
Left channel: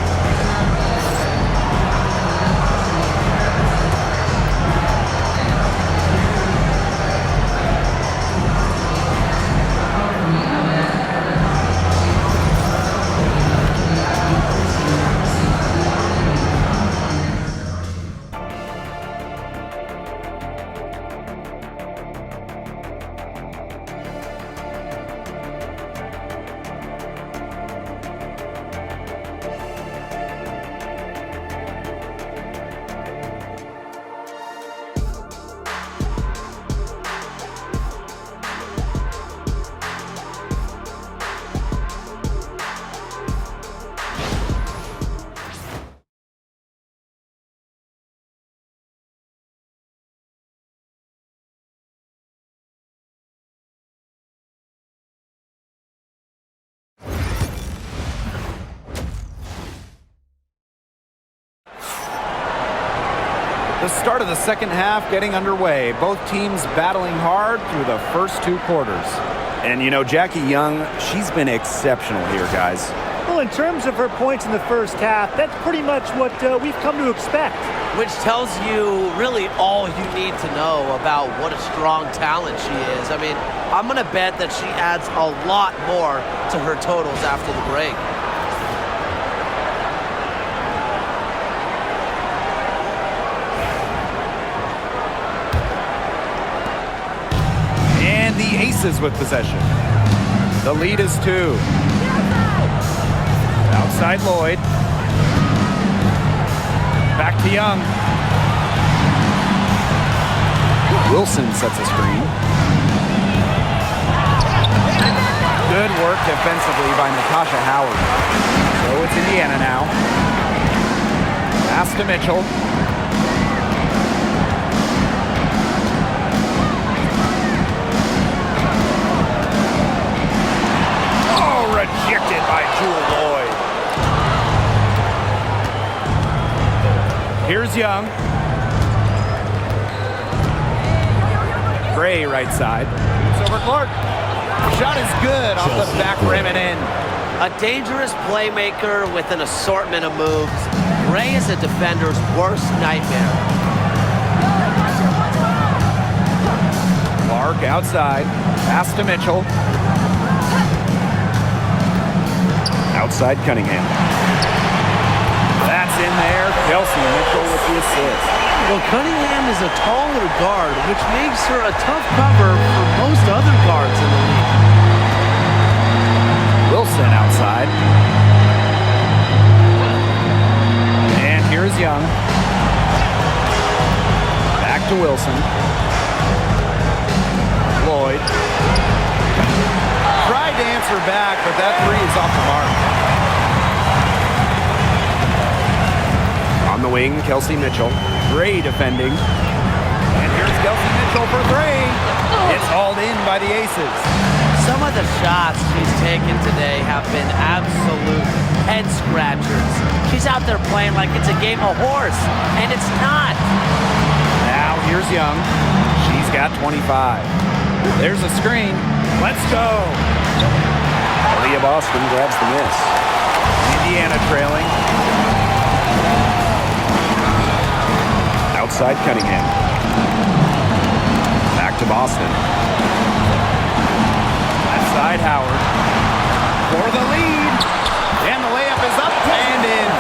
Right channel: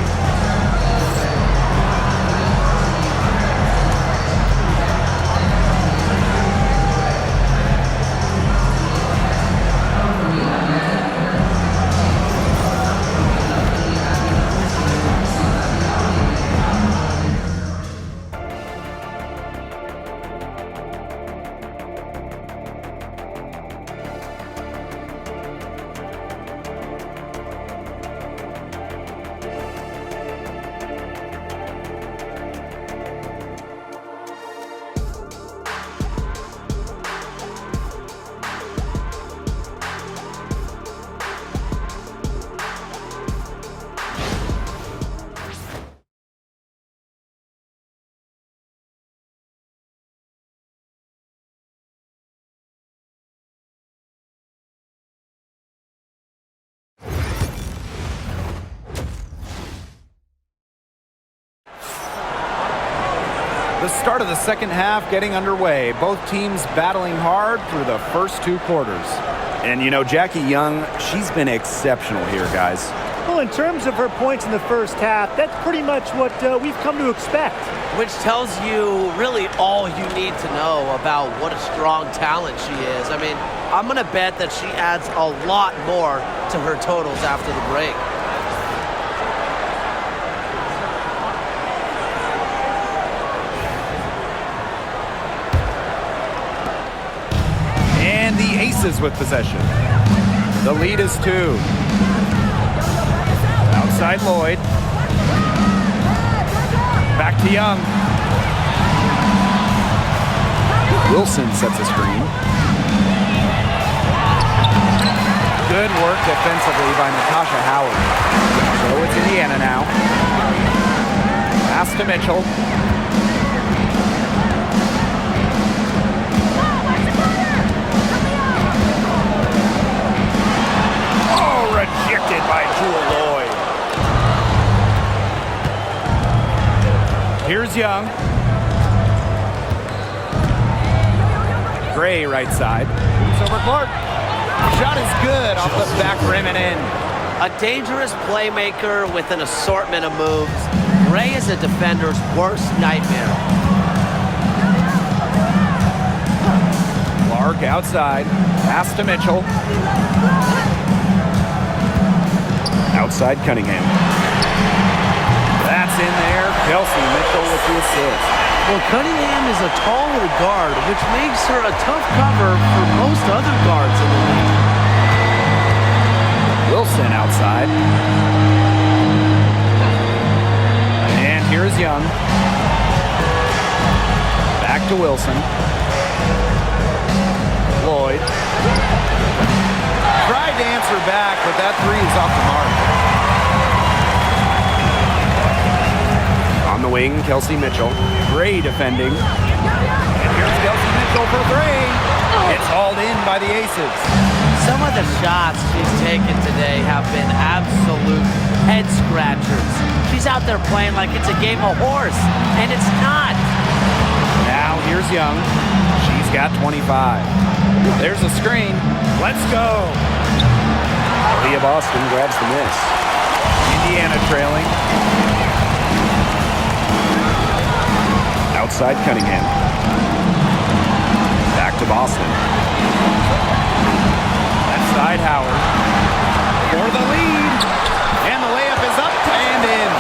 The start of the second half getting underway. Both teams battling hard through the first 2 quarters. And, you know, Jackie Young, she's been exceptional here, guys. Well, in terms of her points in the first half, that's pretty much what we've come to expect. Which tells you really all you need to know about what a strong talent she is. I mean, I'm going to bet that she adds a lot more to her totals after the break. And the Aces with possession. The lead is 2. Outside Lloyd. Back to Young. Wilson sets a screen. Good work defensively by Natasha Howard. So it's Indiana now. Pass to Mitchell. Rejected by Jewel Lloyd. Here's Young. Gray right side. Shoots over Clark. Shot is good off the back rim and in. A dangerous playmaker with an assortment of moves. Gray is a defender's worst nightmare. Clark outside. Pass to Mitchell. Outside Cunningham. That's in there. Kelsey Mitchell with the assist. Well, Cunningham is a taller guard, which makes her a tough cover for most other guards in the league. Wilson outside. And here's Young. Back to Wilson. Lloyd. Tried to answer back, but that three is off the mark. On the wing, Kelsey Mitchell. Gray defending. And here's Kelsey Mitchell for three. It's hauled in by the Aces. Some of the shots she's taken today have been absolute head scratchers. She's out there playing like it's a game of horse, and it's not. Now here's Young. She's got 25. There's a screen. Let's go. Aaliyah Boston grabs the miss. Indiana trailing. Outside Cunningham. Back to Boston. Left side Howard. For the lead. And the layup is up and in.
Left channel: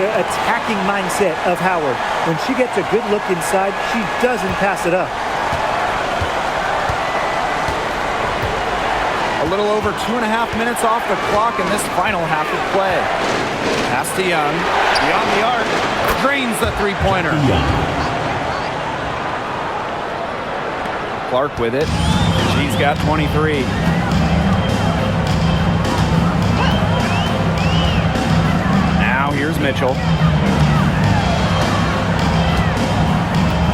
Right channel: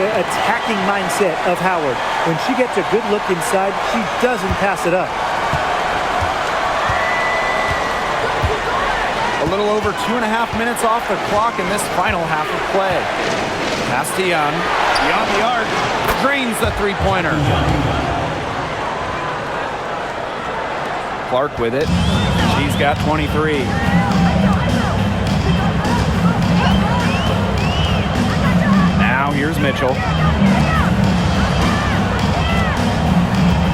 The attacking mindset of Howard. When she gets a good look inside, she doesn't pass it up. A little over 2.5 minutes off the clock in this final half of play. Pass to Young. Beyond the arc. Drains the three-pointer. Clark with it. She's got 23. Now here's Mitchell.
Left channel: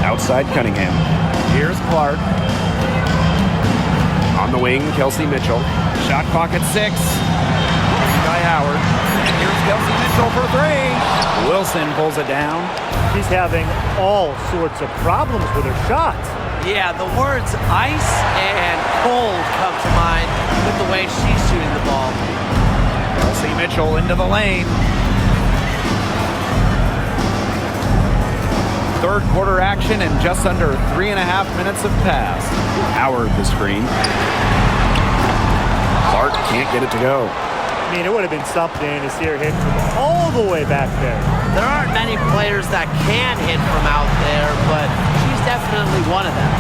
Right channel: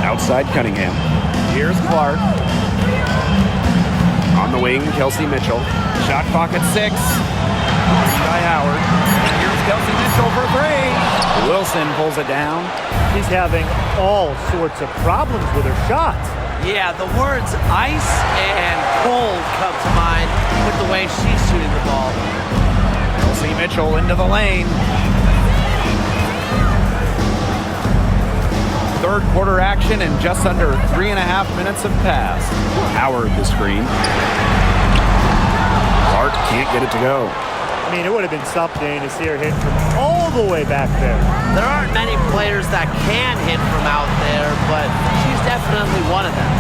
Outside Cunningham. Here's Clark. On the wing, Kelsey Mitchell. Shot clock at 6. Screen by Howard. And here's Kelsey Mitchell for three. Wilson pulls it down. She's having all sorts of problems with her shots. Yeah, the words ice and cold come to mind with the way she's shooting the ball. Kelsey Mitchell into the lane. Third quarter action and just under 3.5 minutes have passed. Howard the screen. Clark can't get it to go. I mean, it would have been something to see her hit from all the way back there. There aren't many players that can hit from out there, but she's definitely one of them.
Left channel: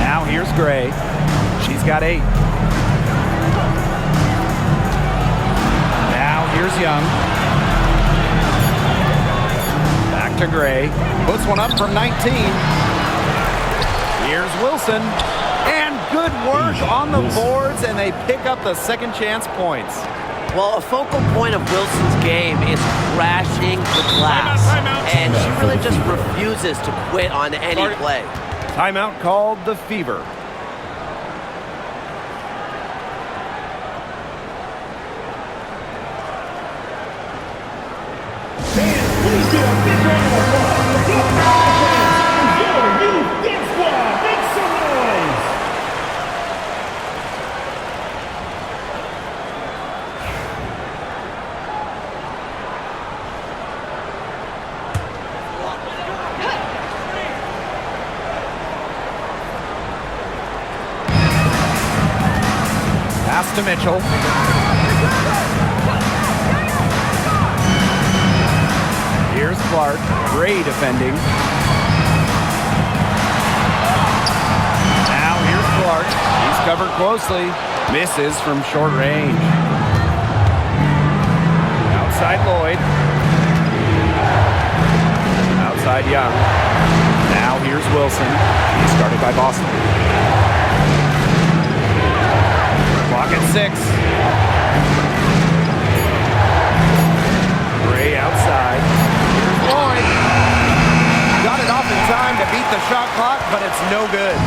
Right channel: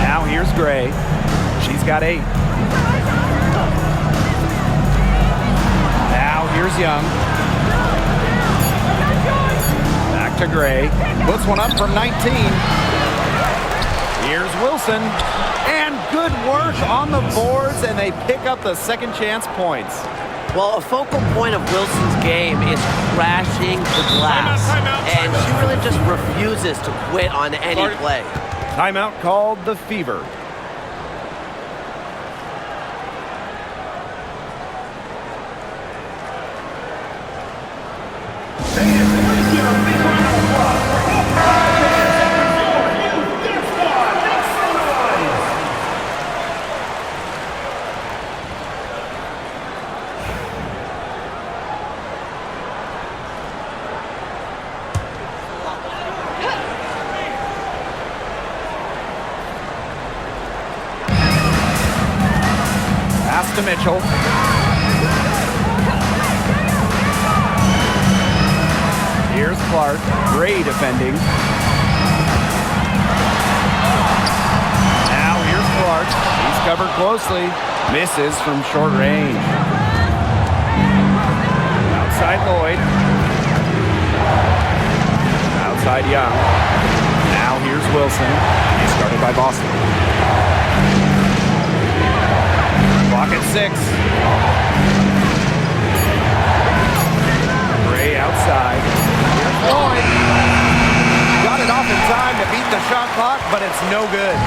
Now here's Gray. She's got 8. Now here's Young. Back to Gray. Puts one up from 19. Here's Wilson. And good work on the boards, and they pick up the second chance points. Well, a focal point of Wilson's game is crashing the glass. And she really just refuses to quit on any play. Timeout called the Fever. Pass to Mitchell. Here's Clark. Gray defending. Now here's Clark. He's covered closely. Misses from short range. Outside Lloyd. Outside Young. Now here's Wilson. He's guarded by Boston. Clock at 6. Gray outside. Here's Lloyd. Got it off in time to beat the shot clock, but it's no good.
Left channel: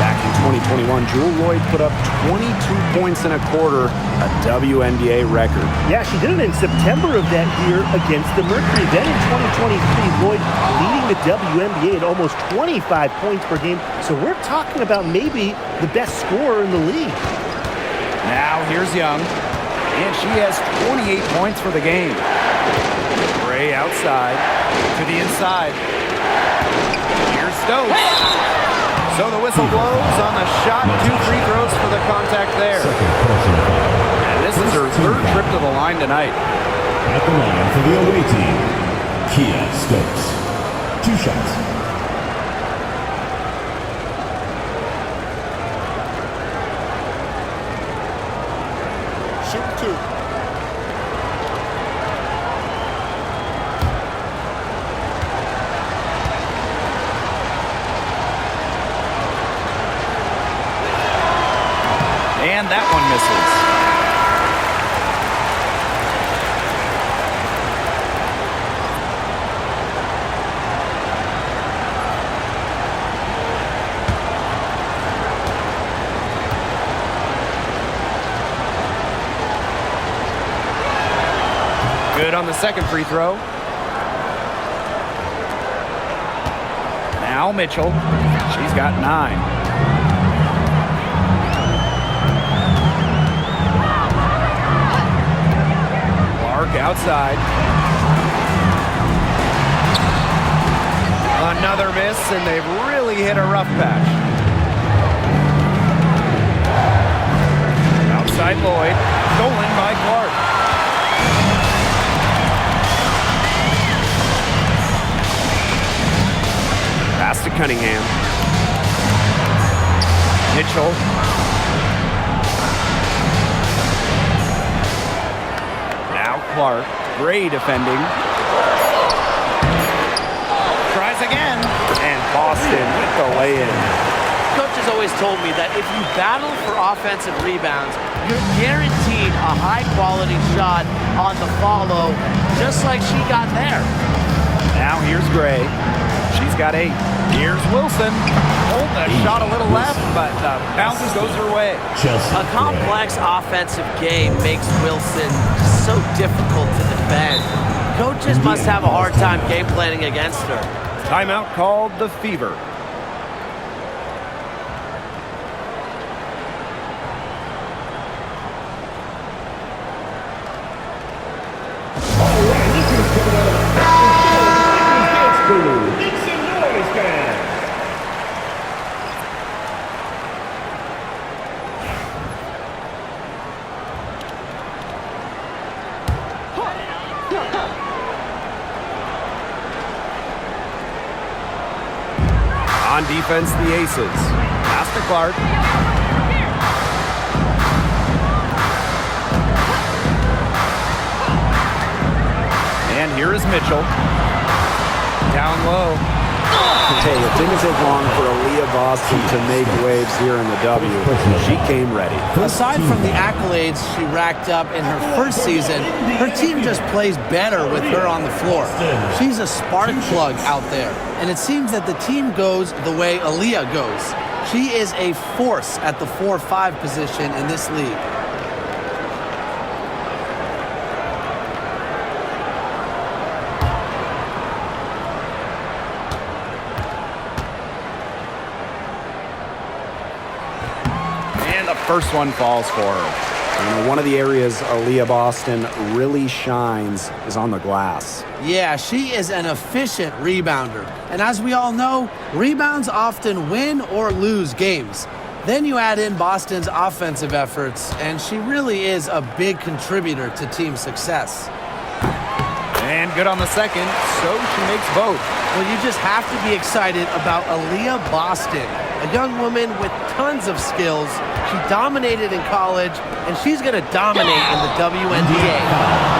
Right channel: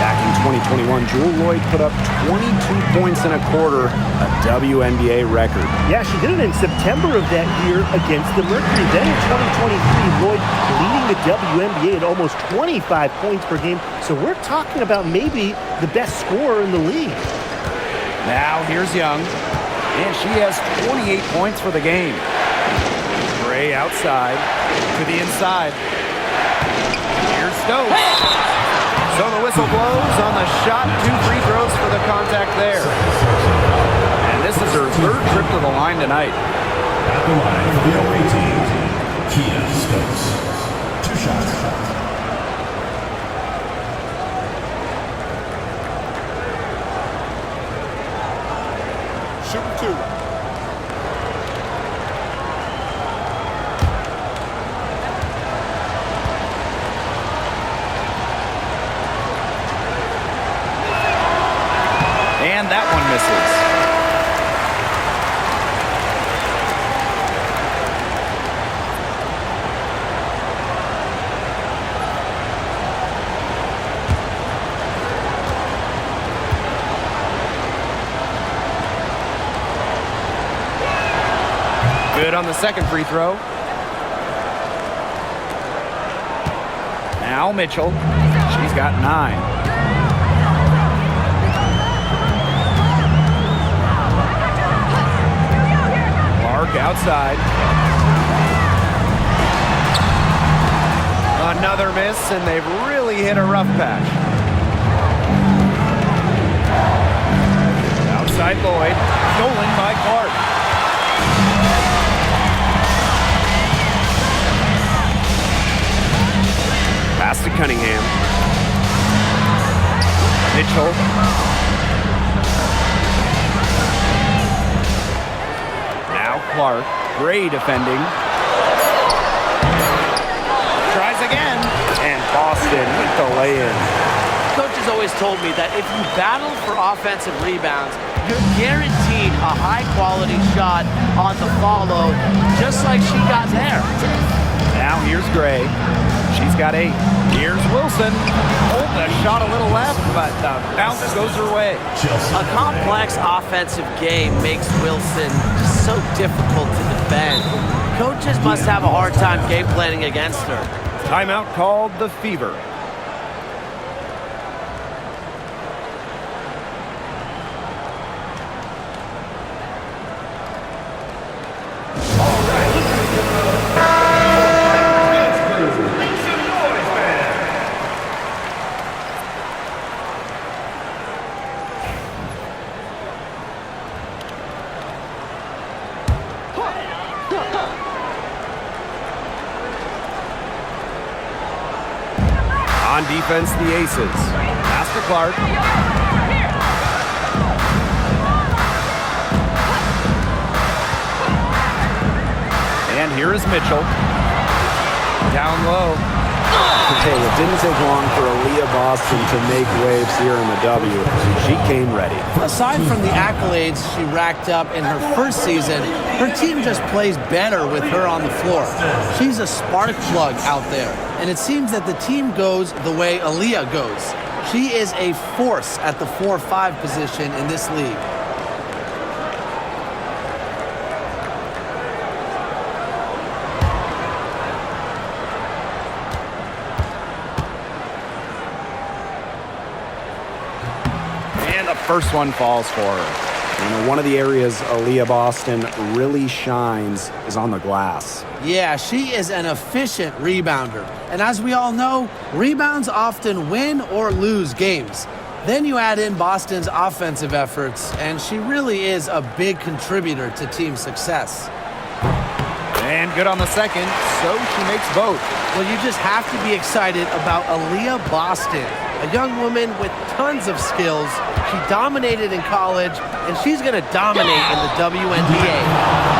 Back in 2021, Jewel Lloyd put up 22 points in a quarter, a WNBA record. Yeah, she did it in September of that year against the Mercury. Then in 2023, Lloyd leading the WNBA at almost 25 points per game. So we're talking about maybe the best scorer in the league. Now here's Young, and she has 28 points for the game. Gray outside to the inside. Here's Stokes. So the whistle blows on the shot. 2 free throws for the contact there. And this is her 3rd trip to the line tonight. At the line for the away team, Kia Stokes. 2 shots. Shooting 2. And that one misses. Good on the second free throw. Now Mitchell. She's got 9. Clark outside. Another miss, and they've really hit a rough patch. Outside Lloyd. Stolen by Clark. Pass to Cunningham. Mitchell. Now Clark. Gray defending. Tries again. And Boston with the lay-in. Coach has always told me that if you battle for offensive rebounds, you're guaranteed a high-quality shot on the follow, just like she got there. Now here's Gray. She's got 8. Here's Wilson. Hold the shot a little left, but the bounce goes her way. A complex offensive game makes Wilson so difficult to defend. Coaches must have a hard time game planning against her. Timeout called the Fever. On defense, the Aces. Pass to Clark. And here is Mitchell. Down low. Hey, it didn't take long for Aaliyah Boston to make waves here in the W. She came ready. Aside from the accolades she racked up in her first season, her team just plays better with her on the floor. She's a spark plug out there, and it seems that the team goes the way Aaliyah goes. She is a force at the 4-5 position in this league. First one falls for her. You know, one of the areas Aaliyah Boston really shines is on the glass. Yeah, she is an efficient rebounder. And as we all know, rebounds often win or lose games. Then you add in Boston's offensive efforts, and she really is a big contributor to team success. And good on the second, so she makes both. Well, you just have to be excited about Aaliyah Boston, a young woman with tons of skills. She dominated in college, and she's going to dominate in the WNBA.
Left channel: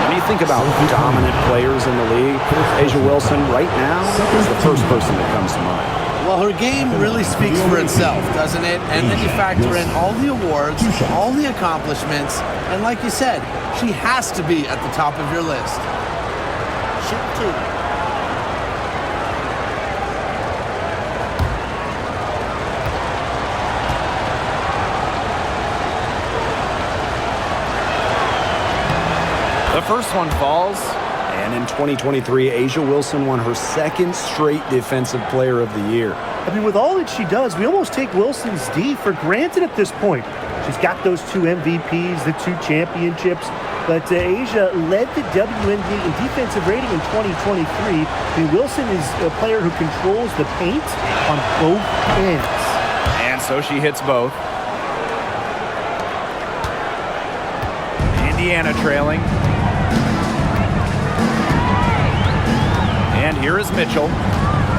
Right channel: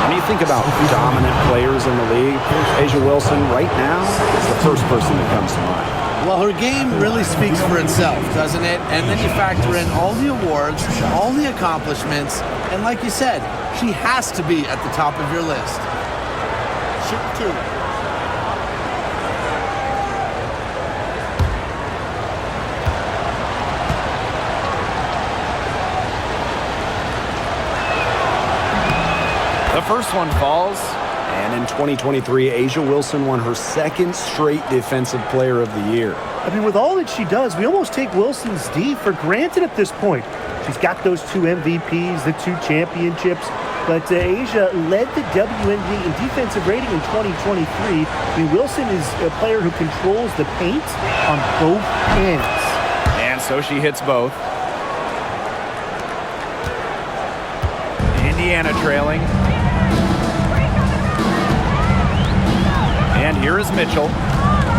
When you think about dominant players in the league, Asia Wilson right now is the first person that comes to mind. Well, her game really speaks for itself, doesn't it? And then you factor in all the awards, all the accomplishments, and like you said, she has to be at the top of your list. Shooting 2. The first one falls. And in 2023, A'ja Wilson won her second straight Defensive Player of the Year. I mean, with all that she does, we almost take Wilson's D for granted at this point. She's got those 2 MVPs, the 2 championships. But A'ja led the WNBA in defensive rating in 2023. I mean, Wilson is a player who controls the paint on both ends. And so she hits both. Indiana trailing. And here is Mitchell.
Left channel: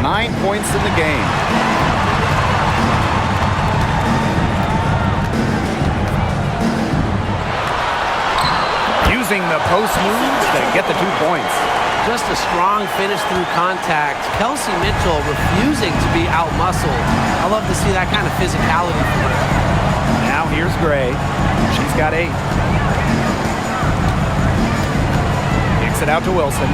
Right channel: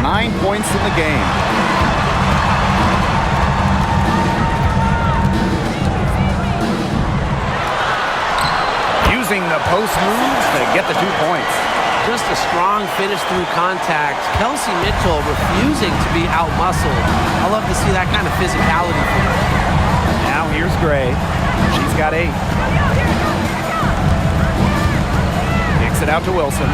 9 points in the game. Using the post moves to get the 2 points. Just a strong finish through contact. Kelsey Mitchell refusing to be out-muscled. I love to see that kind of physicality from her. Now here's Gray. She's got 8. Kicks it out to Wilson.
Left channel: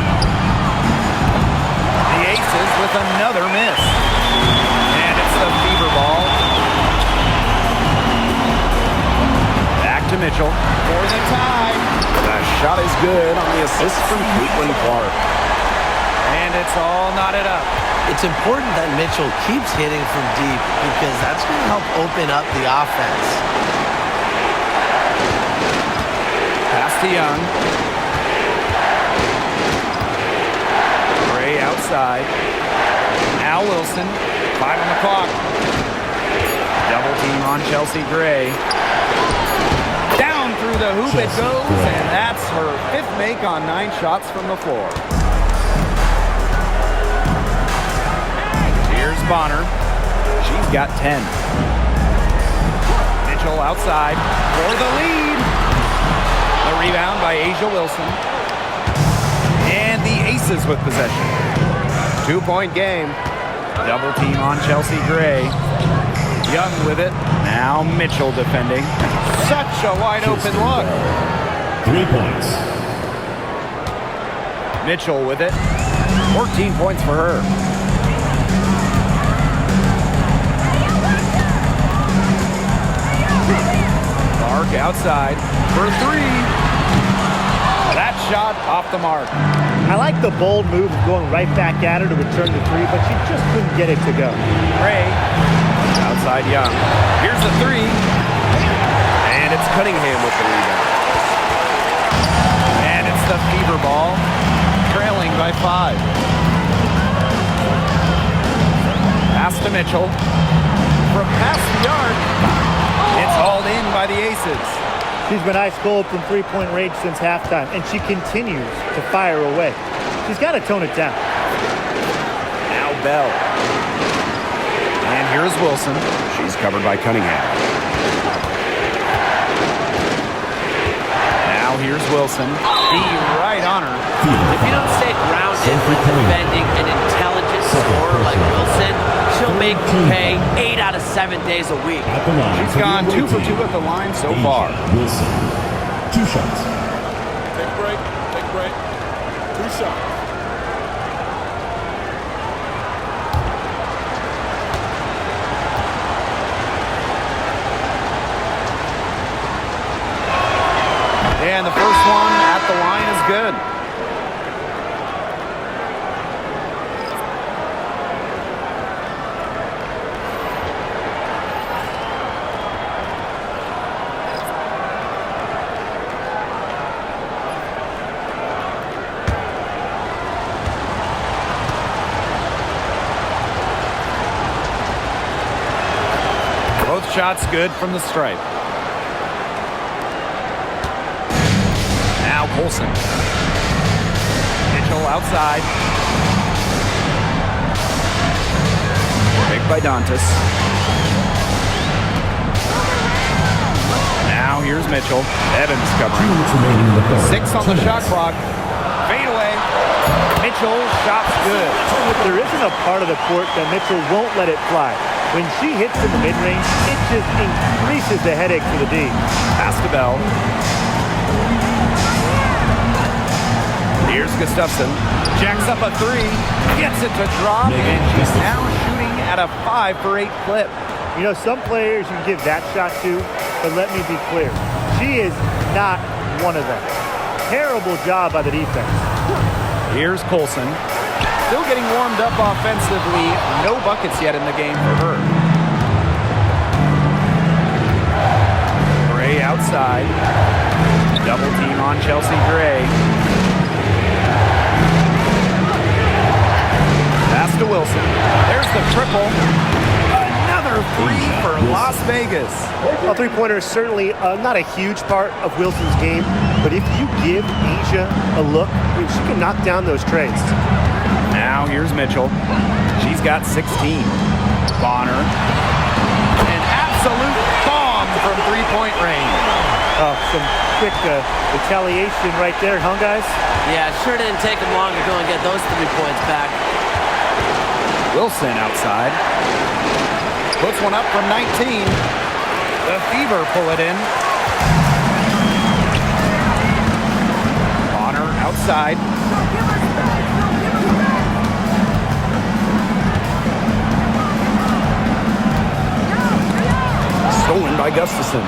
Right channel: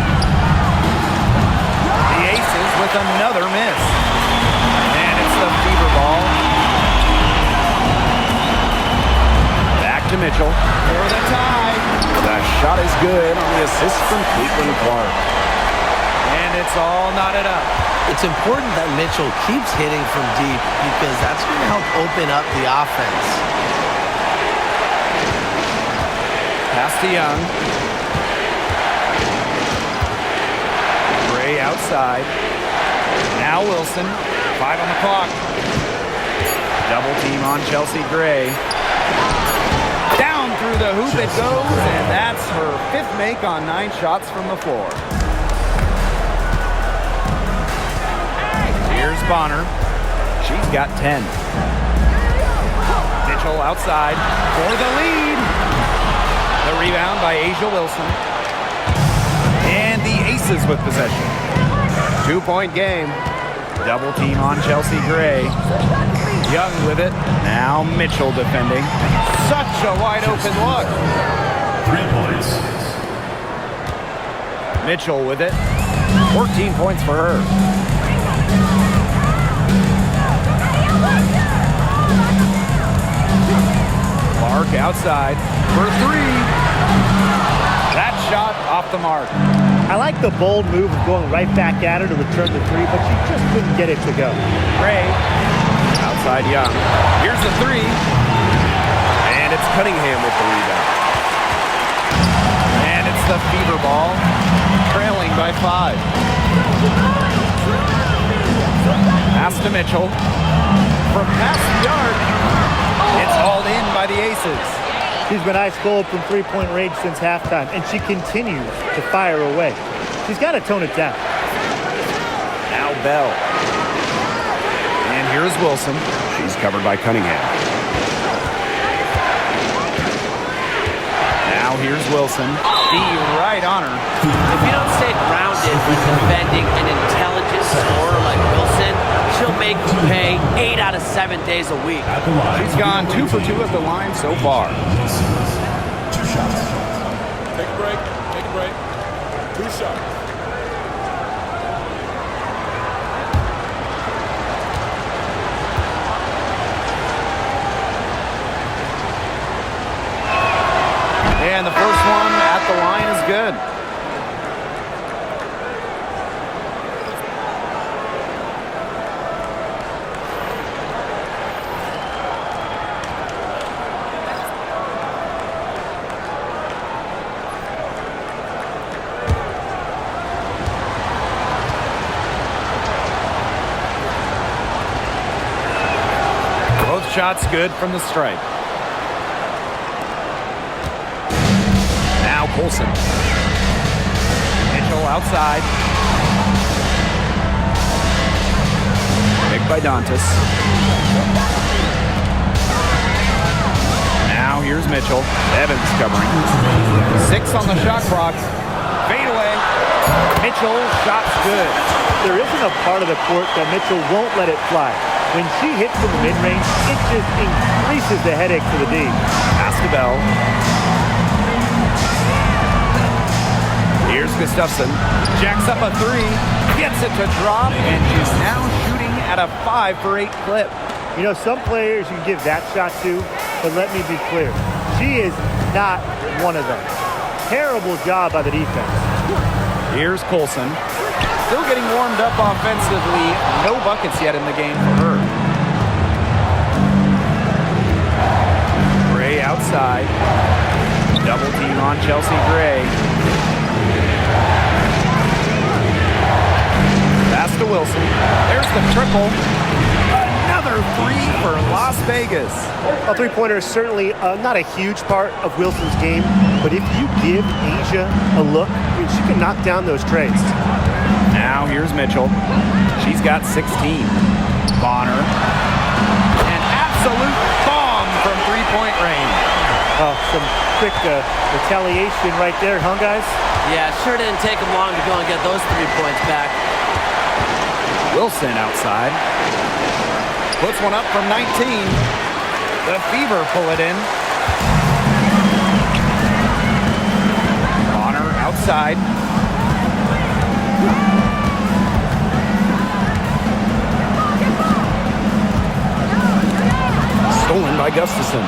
The Aces with another miss. And it's the fever ball. Back to Mitchell for the tie. The shot is good on the assist from CaitlinClark. And it's all knotted up. It's important that Mitchell keeps hitting from deep because that's going to help open up the offense. Pass to Young. Gray outside. Now Wilson. 5 on the clock. Double team on Chelsea Gray. Down through the hoop it goes, and that's her 5th make on 9 shots from the floor. Here's Bonner. She's got 10. Mitchell outside for the lead. The rebound by A'ja Wilson. And the Aces with possession. 2-point game. Double team on Chelsea Gray. Young with it. Now Mitchell defending. Such a wide open look. 3 points. Mitchell with it. 14 points for her. Clark outside for 3. That shot off the mark. I like the bold move of going right back at her to return the 3, but she just couldn't get it to go. Gray outside Young. Here's the 3. And it's Cunningham with the rebound. And it's the fever ball, trailing by 5. Pass to Mitchell. From past the arc, it's hauled in by the Aces. She's been ice cold from 3-point range since halftime, and she continues to fire away. She's got to tone it down. Now Bell. And here's Wilson. She's covered by Cunningham. Now here's Wilson. The right on her. If you don't stay grounded when defending an intelligent scorer like Wilson, she'll make you pay 8 out of 7 days a week. She's gone 2 for 2 at the line so far. Wilson. 2 shots. Take a break. Take a break. 2 shots. And the first one at the line is good. Both shots good from the stripe. Now Colson. Mitchell outside. Picked by Dantas. Now here's Mitchell. Evans covering. 6 on the shot clock. Fade away. Mitchell, shot's good. There isn't a part of the court that Mitchell won't let it fly. When she hits in the mid-range, it just increases the headache for the D. Pass to Bell. Here's Gustafson. Jacks up a 3. Gets it to drop, and she's now shooting at a 5 for 8 clip. You know, some players you can give that shot to, but let me be clear. She is not one of them. terrible job by the defense. Here's Colson. Still getting warmed up offensively. No buckets yet in the game for her. Gray outside. Double team on Chelsea Gray. Pass to Wilson. There's the triple. Another three for Las Vegas. A three-pointer is certainly not a huge part of Wilson's game, but if you give Asia a look, I mean, she can knock down those trays. Now here's Mitchell. She's got 16. Bonner. An absolute bomb from three-point range. Oh, some quick retaliation right there, huh, guys? Yeah, sure didn't take him long to go and get those 3 points back. Wilson outside. Puts one up from 19. The Fever pull it in. Bonner outside. Stolen by Gustafson.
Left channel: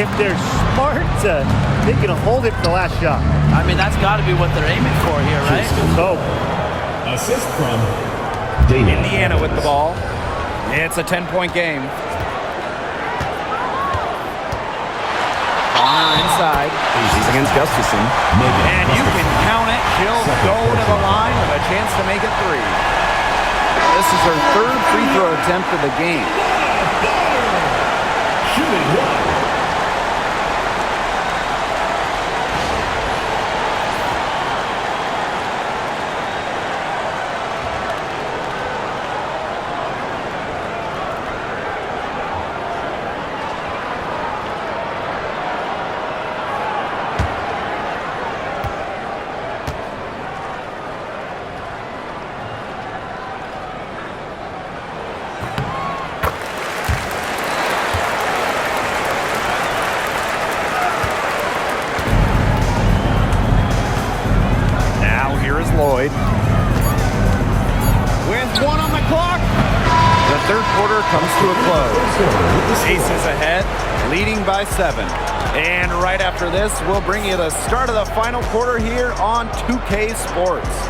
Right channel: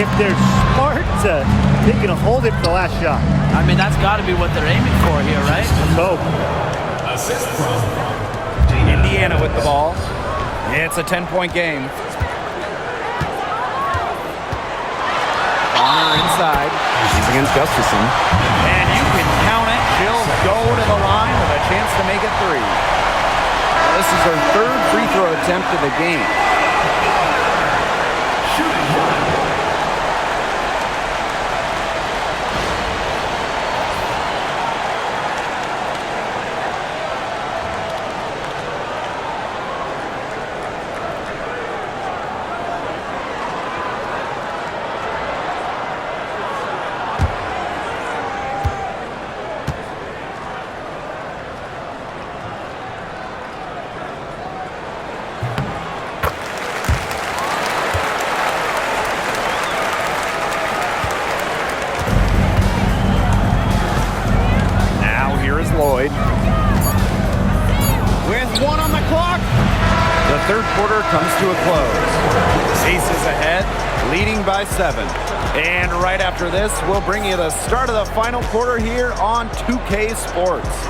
If they're smart, they can hold it for the last shot. I mean, that's got to be what they're aiming for here, right? Let's hope. Assist from Dana. Indiana with the ball. It's a 10-point game. Bonner inside. She's against Gustafson. And you can count it. She'll go to the line with a chance to make it 3. This is her 3rd free throw attempt of the game. Shooting one. Here is Lloyd. With 1 on the clock, the 3rd quarter comes to a close. Aces ahead, leading by 7. And right after this, we'll bring you the start of the final quarter here on 2K Sports.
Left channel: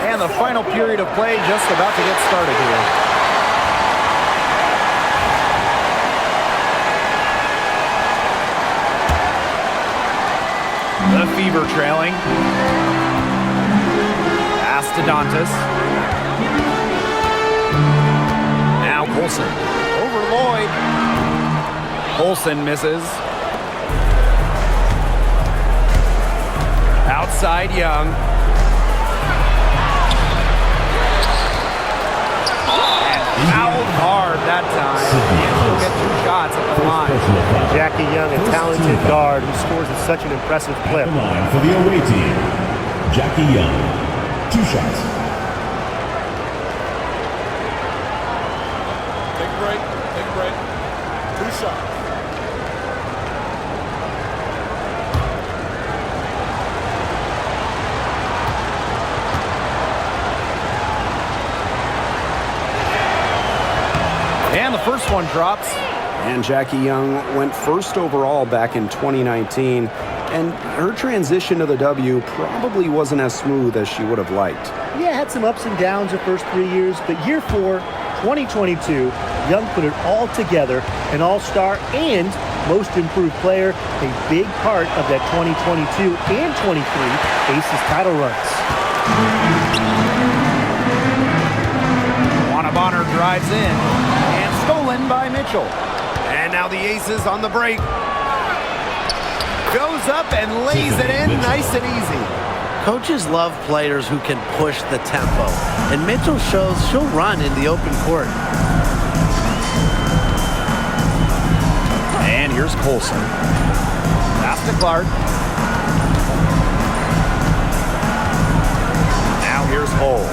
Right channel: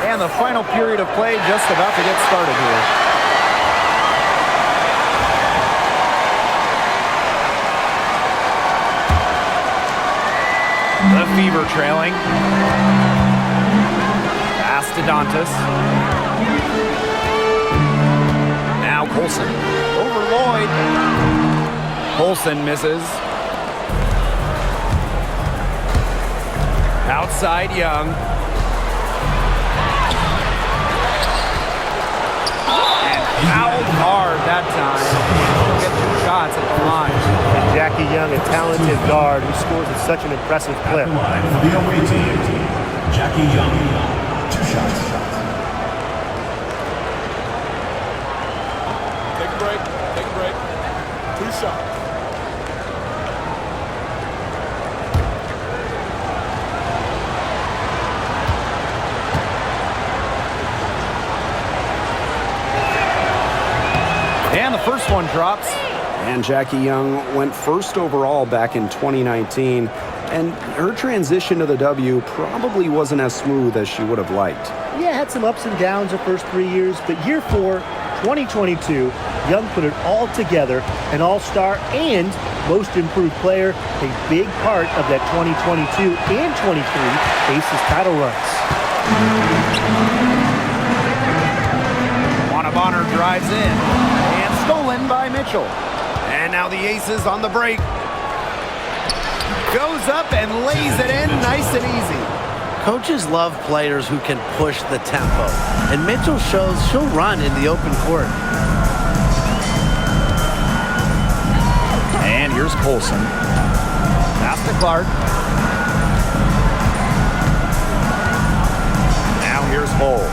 And the final period of play just about to get started here. The Fever trailing. Pass to Dantas. Now Colson. Over Lloyd. Colson misses. Outside Young. Fouled hard that time. She'll get 2 shots at the line. And Jackie Young, a talented guard who scores at such an impressive clip. Line for the away team. Jackie Young. 2 shots. Take a break. Take a break. 2 shots. And the first one drops. And Jackie Young went 1st overall back in 2019. And her transition to the W probably wasn't as smooth as she would have liked. Yeah, had some ups and downs her first 3 years, but year 4, 2022, Young put it all together, an all-star and most improved player, a big part of that 2022 and 23 Aces title runs. Juana Bonner drives in and stolen by Mitchell. And now the Aces on the break. Goes up and lays it in nice and easy. Coaches love players who can push the tempo, and Mitchell shows she'll run in the open court. And here's Colson. Pass to Clark. Now here's Hull.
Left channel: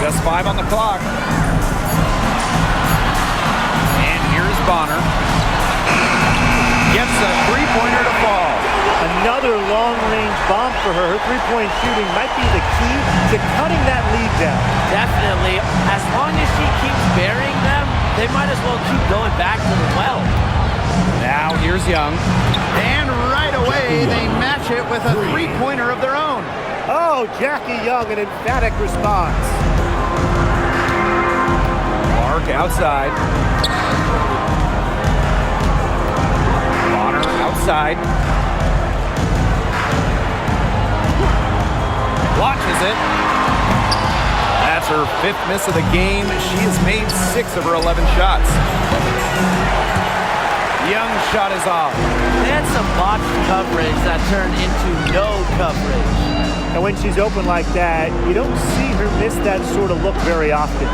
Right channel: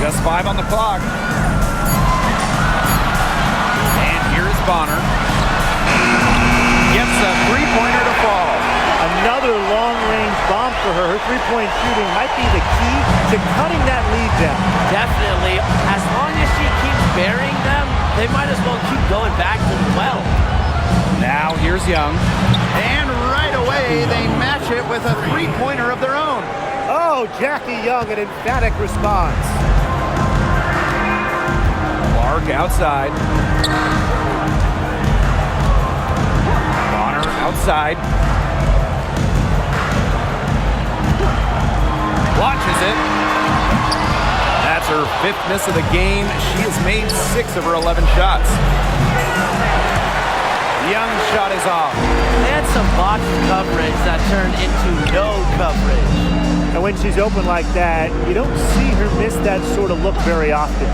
Just 5 on the clock. And here's Bonner. gets a three-pointer to fall. Another long-range bomb for her. Her three-point shooting might be the key to cutting that lead down. Definitely. As long as she keeps burying them, they might as well keep going back to the well. Now here's Young. And right away, they match it with a three-pointer of their own. Oh, Jackie Young, an emphatic response. Clark outside. Bonner outside. Launches it. That's her 5th miss of the game. She has made 6 of her 11 shots. Young's shot is off. They had some botched coverage that turned into no coverage. And when she's open like that, you don't see her miss that sort of look very often.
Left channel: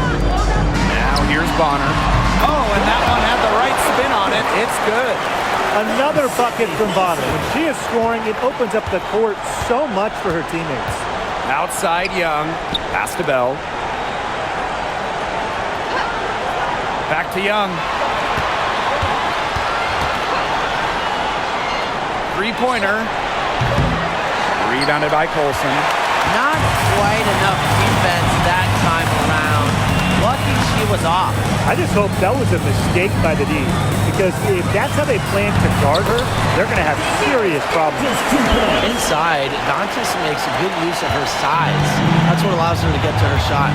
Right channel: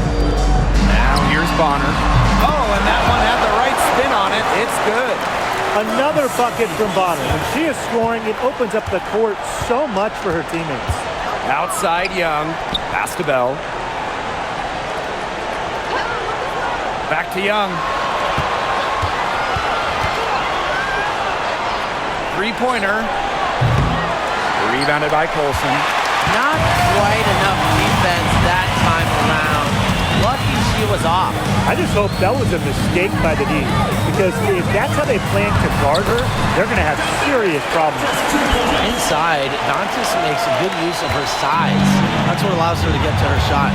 Now here's Bonner. Oh, and that one had the right spin on it. It's good. Another bucket from Bonner. When she is scoring, it opens up the court so much for her teammates. Outside Young. Pass to Bell. Back to Young. Three-pointer. Rebounded by Colson. Not quite enough defense that time around. Lucky she was off. I just hope that was a mistake by the D, because if that's how they plan to guard her, they're going to have serious problems. Inside, Dantas makes a good use of her size. That's what allows her to get to her shot.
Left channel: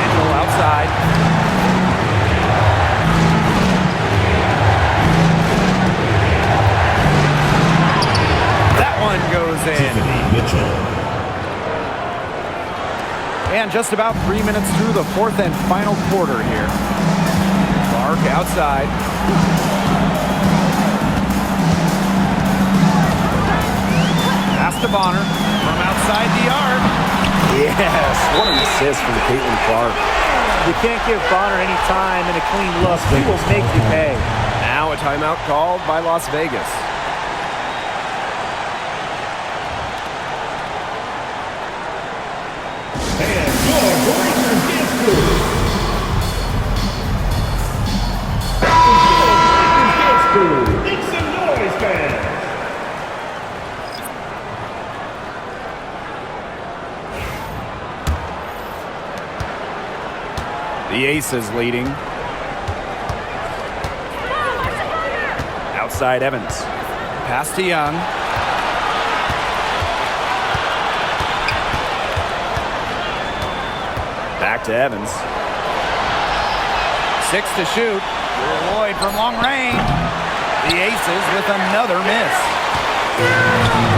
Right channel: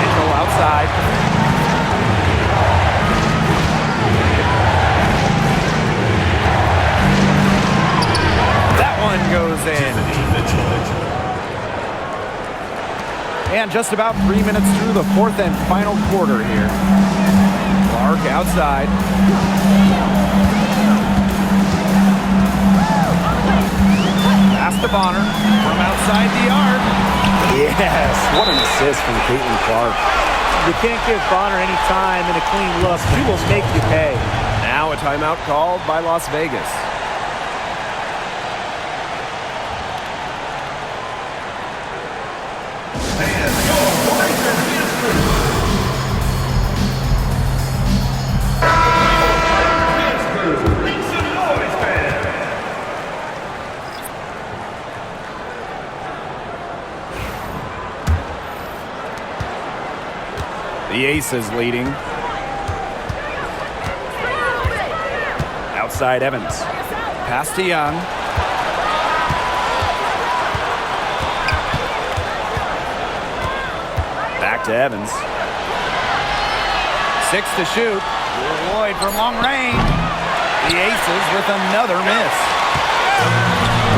Mitchell outside. That one goes in. And just about 3 minutes through the 4th and final quarter here. Clark outside. Pass to Bonner from outside the arc. Yes, what an assist from Clark. You can't give Bonner any time and a clean look. He will make you pay. Now a timeout called by Las Vegas. The Aces leading. Outside Evans. Pass to Young. Back to Evans. 6 to shoot. Lloyd from long range. The Aces with another miss.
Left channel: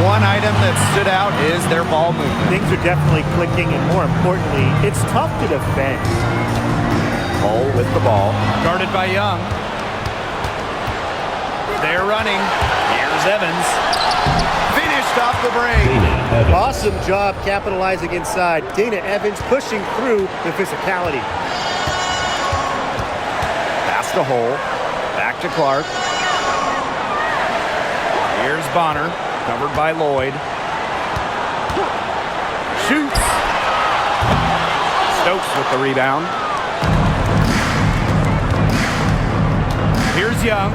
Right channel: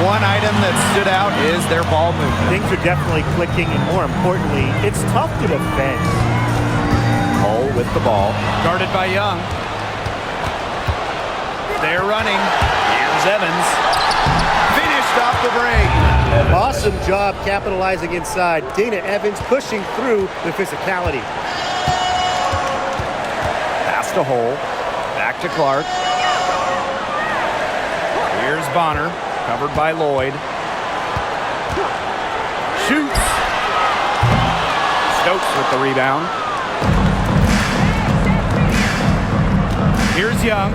One item that stood out is their ball movement. Things are definitely clicking, and more importantly, it's tough to defend. Hull with the ball. Guarded by Young. They're running. Here's Evans. Finished off the break. Awesome job capitalizing inside. Dana Evans pushing through the physicality. Pass to Hull. Back to Clark. Here's Bonner. Covered by Lloyd. Shoots. Stokes with the rebound. Here's Young.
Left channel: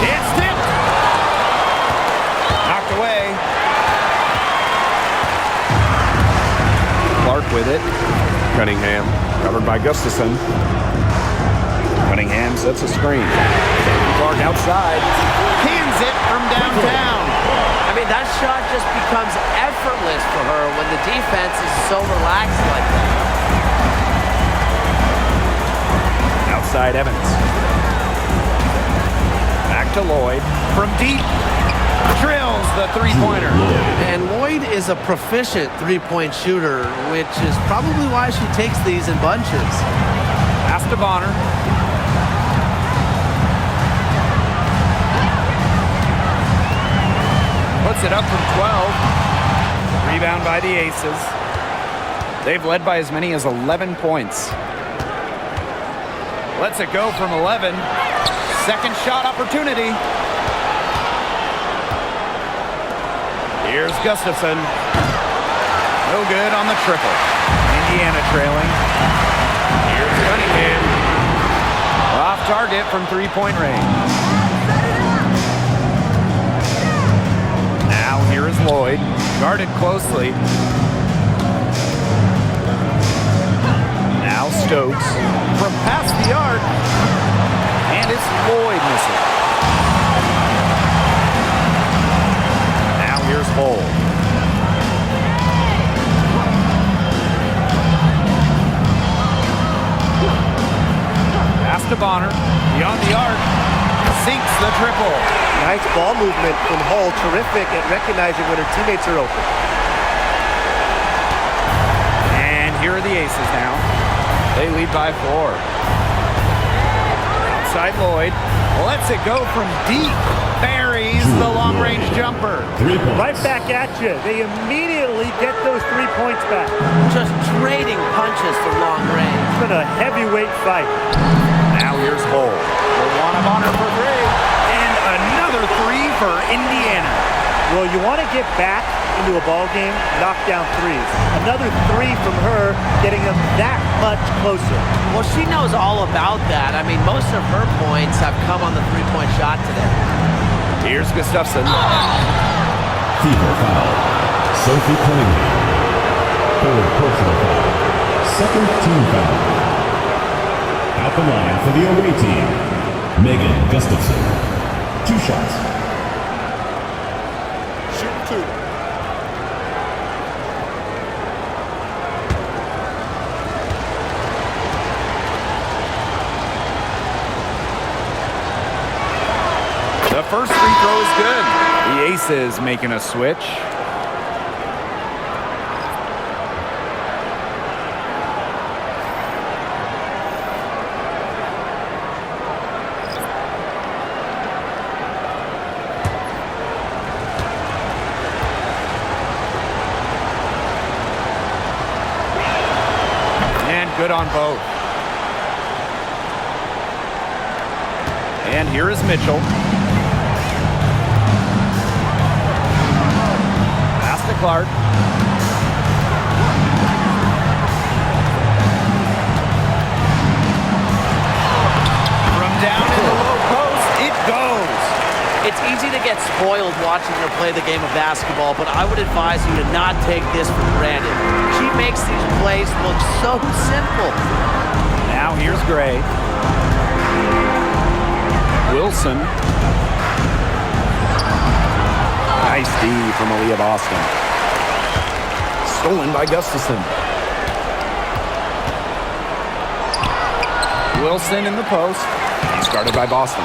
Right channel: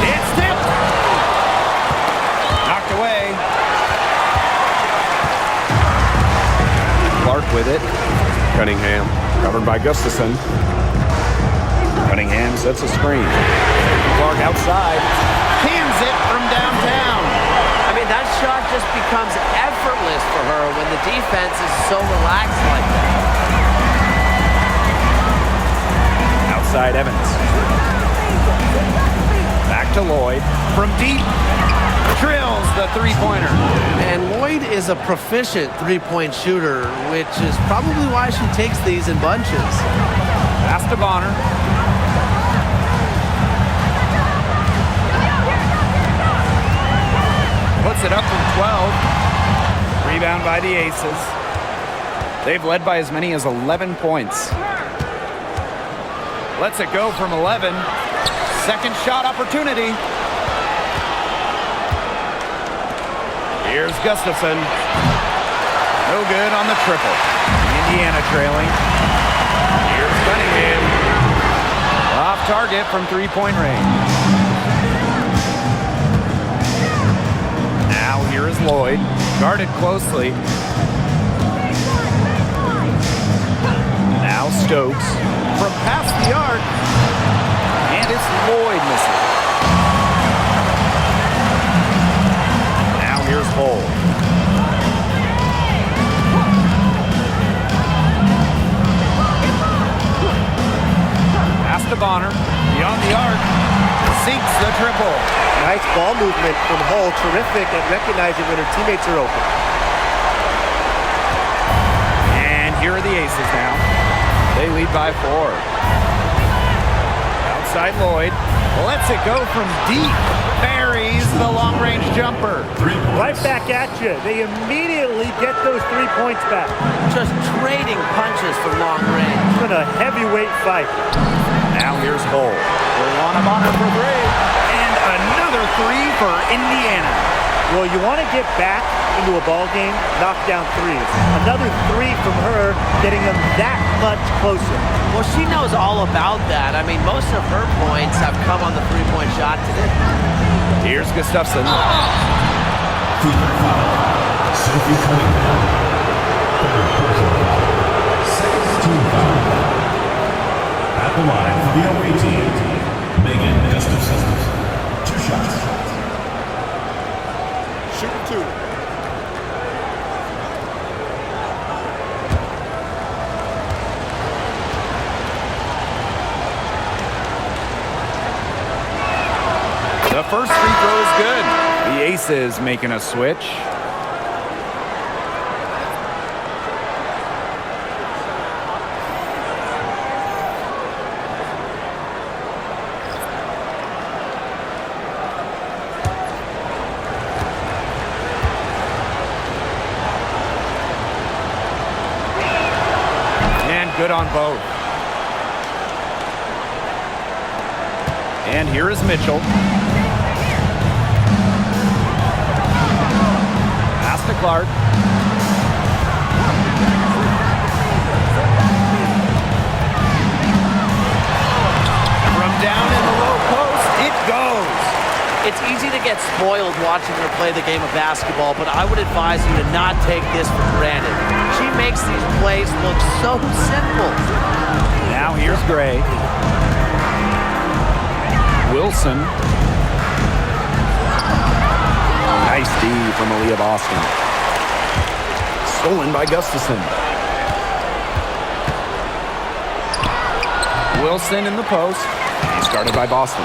It's tipped. Knocked away. Clark with it. Cunningham, covered by Gustafson. Cunningham sets a screen. Clark outside. Cans it from downtown. I mean, that shot just becomes effortless for her when the defense is so relaxed like that. Outside Evans. Back to Lloyd. From deep. Drills the three-pointer. And Lloyd is a proficient three-point shooter, which is probably why she takes these in bunches. Pass to Bonner. Puts it up from 12. Rebound by the Aces. They've led by as many as 11 points. Lets it go from 11. Second shot opportunity. Here's Gustafson. No good on the triple. Indiana trailing. Cunningham. Off target from three-point range. Now here is Lloyd, guarded closely. Now Stokes from past the arc, and it's Lloyd missing. Now here's Hull. Pass to Bonner, beyond the arc, sinks the triple. Nice ball movement from Hull. Terrific at recognizing when her teammates are open. And here are the Aces now. They lead by 4. Outside Lloyd, lets it go from deep. Buries the long-range jumper. 3 points. Right back at you. They immediately get those 3 points back. Just trading punches from long range. It's been a heavyweight fight. Now here's Hull. They want a Bonner for 3. And another 3 for Indiana. Well, you want to get back into a ball game, knock down threes. Another 3 from her, getting them that much closer. Well, she knows all about that. I mean, most of her points have come on the three-point shot today. Here's Gustafson. Fever foul. Sophie Cunningham. Third personal foul. Second team foul. At the line for the away team, Megan Gustafson. 2 shots. Shooting 2. The first free throw is good. The Aces making a switch. And good on both. And here is Mitchell. Pass to Clark. From down in the low post, it goes. It's easy to get spoiled watching her play the game of basketball, but I would advise you to not take this for granted. She makes these plays look so simple. Now here's Gray. Wilson. Nice D from Aaliyah Boston. Stolen by Gustafson. Wilson in the post. He's guarded by Boston.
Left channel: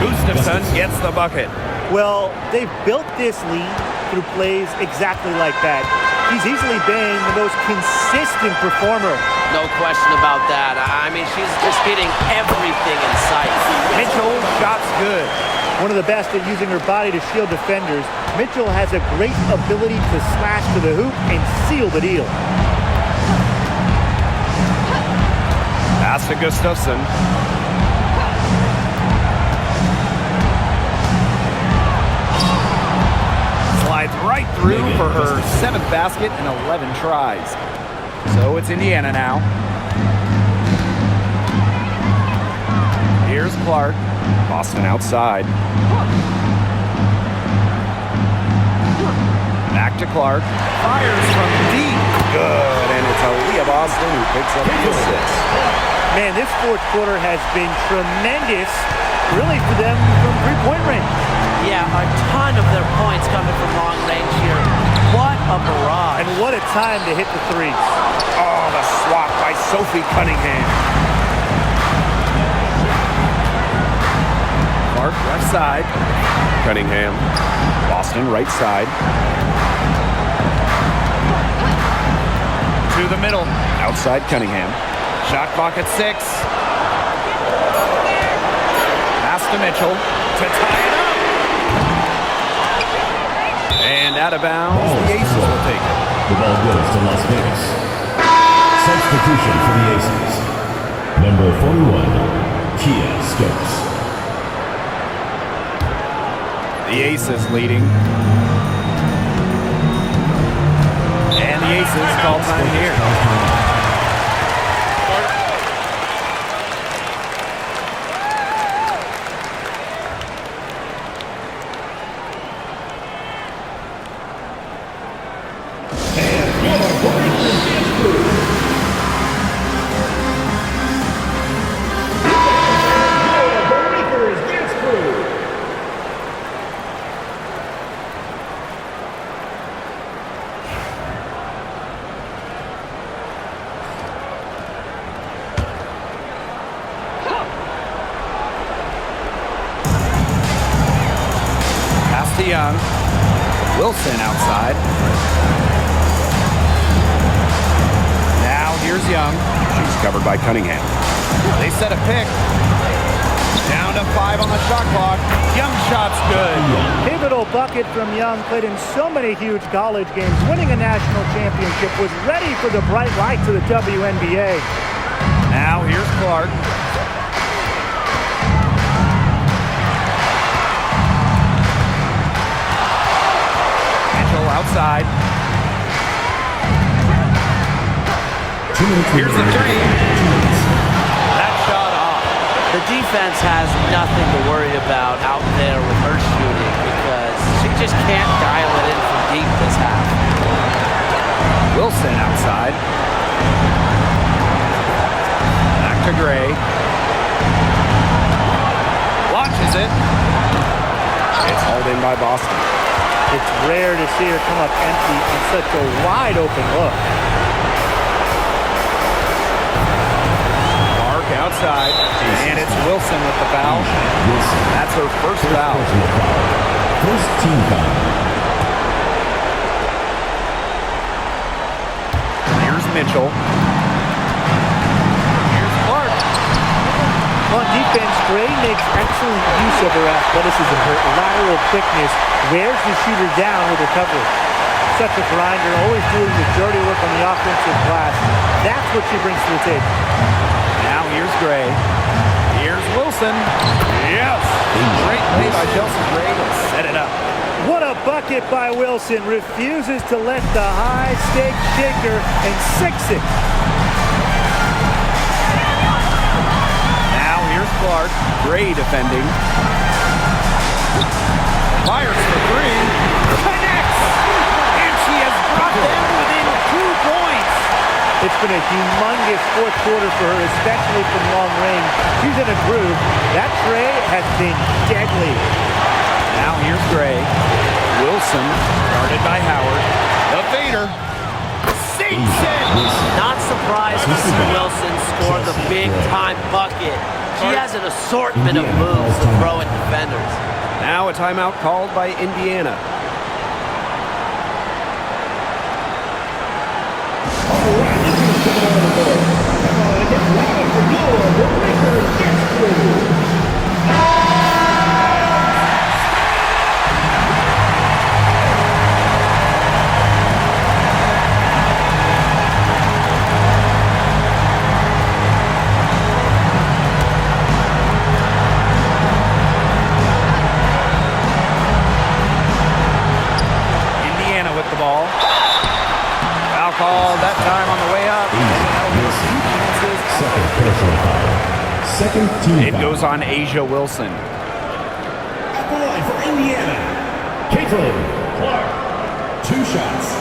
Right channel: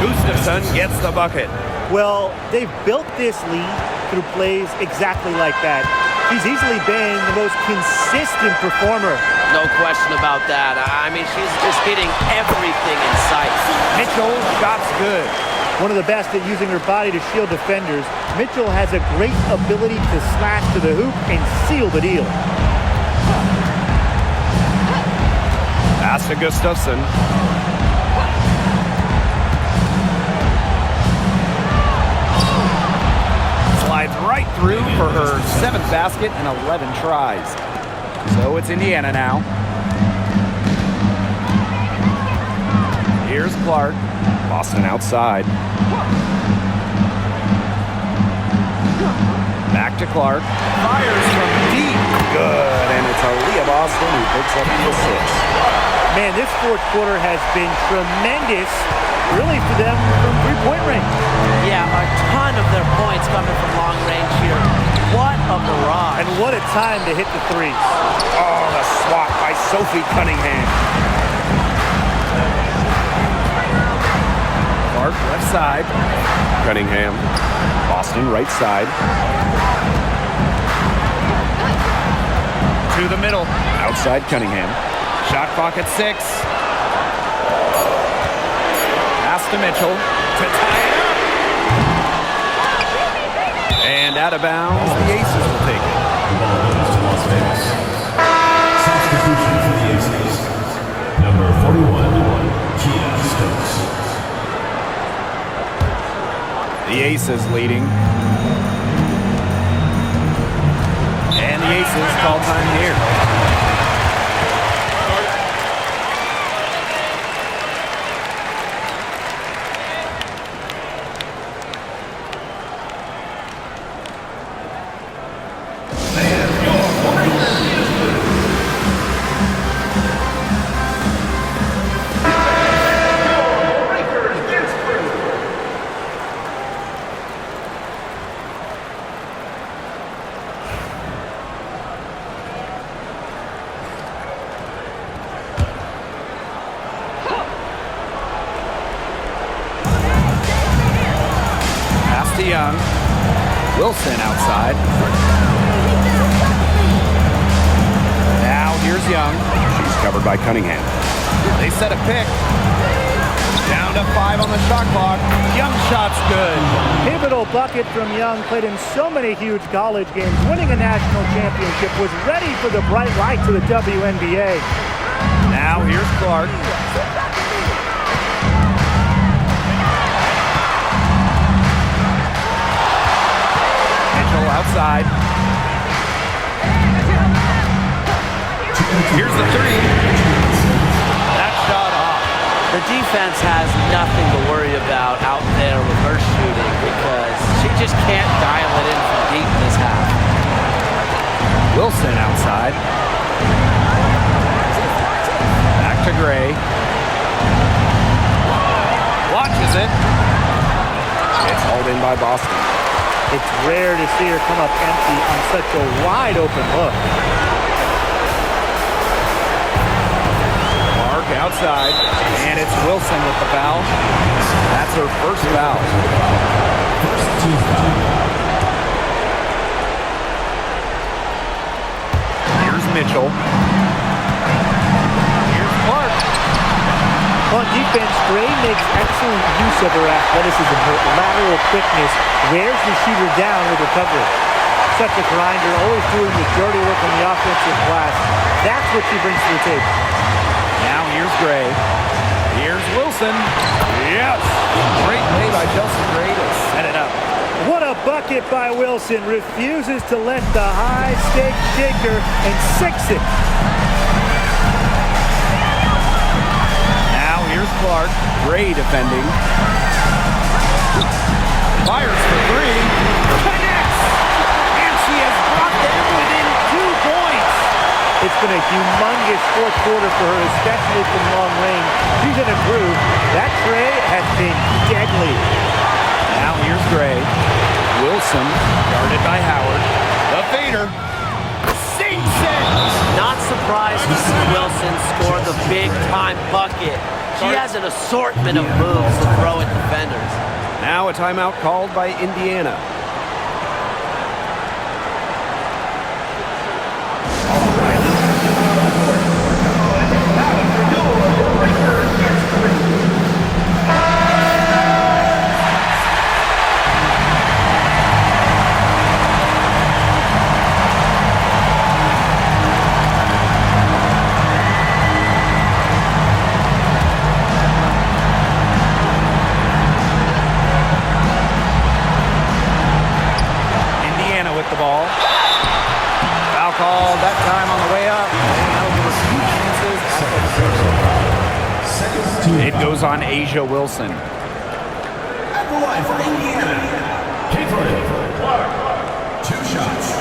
Gustafson gets the bucket. Well, they've built this lead through plays exactly like that. She's easily been the most consistent performer. No question about that. I mean, she's just hitting everything in sight. Mitchell, shot's good. One of the best at using her body to shield defenders, Mitchell has a great ability to slash to the hoop and seal the deal. Pass to Gustafson. Slides right through for her 7th basket in 11 tries. So it's Indiana now. Here's Clark. Boston outside. Back to Clark. Fires from deep. Good, and it's Aaliyah Boston who picks up the assist. Man, this fourth quarter has been tremendous, really, for them from three-point range. Yeah, a ton of their points coming from long range here. What a barrage. And what a time to hit the threes. Oh, the swat by Sophie Cunningham. Clark left side. Cunningham. Boston right side. To the middle. Outside Cunningham. Shot clock at 6. Pass to Mitchell to tie it up. And out of bounds, the Aces will take it. The ball goes to Las Vegas. Substitution for the Aces. Number 41, Kia Stokes. The Aces leading. And the Aces call time here. to Young. Wilson outside. Now here's Young. She's covered by Cunningham. They set a pick. Down to 5 on the shot clock. Young shot's good. Pivotal bucket from Young, played in so many huge college games, winning a national championship, was ready for the bright lights of the WNBA. Now here's Clark. Mitchell outside. Here's the three. That shot off. The defense has nothing to worry about out there with her shooting because she just can't dial it in from deep this half. Wilson outside. Back to Gray. Launches it. It's hauled in by Boston. It's rare to see her come up empty on such a wide open look. Clark outside, and it's Wilson with the foul. That's her first foul. First team foul. Here's Mitchell. Here's Clark. On defense, Gray makes excellent use of her athleticism, her lateral quickness, wears the shooter down with her coverage. Such a grinder, always doing the dirty work on the offensive glass. That's what she brings to the table. Now here's Gray. Here's Wilson. Yes! Great play by Chelsea Gray to set it up. What a bucket by Wilson. Refuses to let the high stakes shake her and sinks it. Now here's Clark. Gray defending. Fires for three. Connects! And she has brought them within 2 points. It's been a humongous fourth quarter for her, especially from long range. She's in a groove. That tray has been deadly. Now here's Gray. Wilson, guarded by Howard. The fader. Sinks it! Not surprised to see Wilson score the big-time bucket. She has an assortment of moves to throw at defenders. Now a timeout called by Indiana. Indiana with the ball. Foul called that time on the way up. And that'll give us 2 chances. Second team It foul. goes on Asia Wilson. At the line for Indiana, Clark. 2 shots.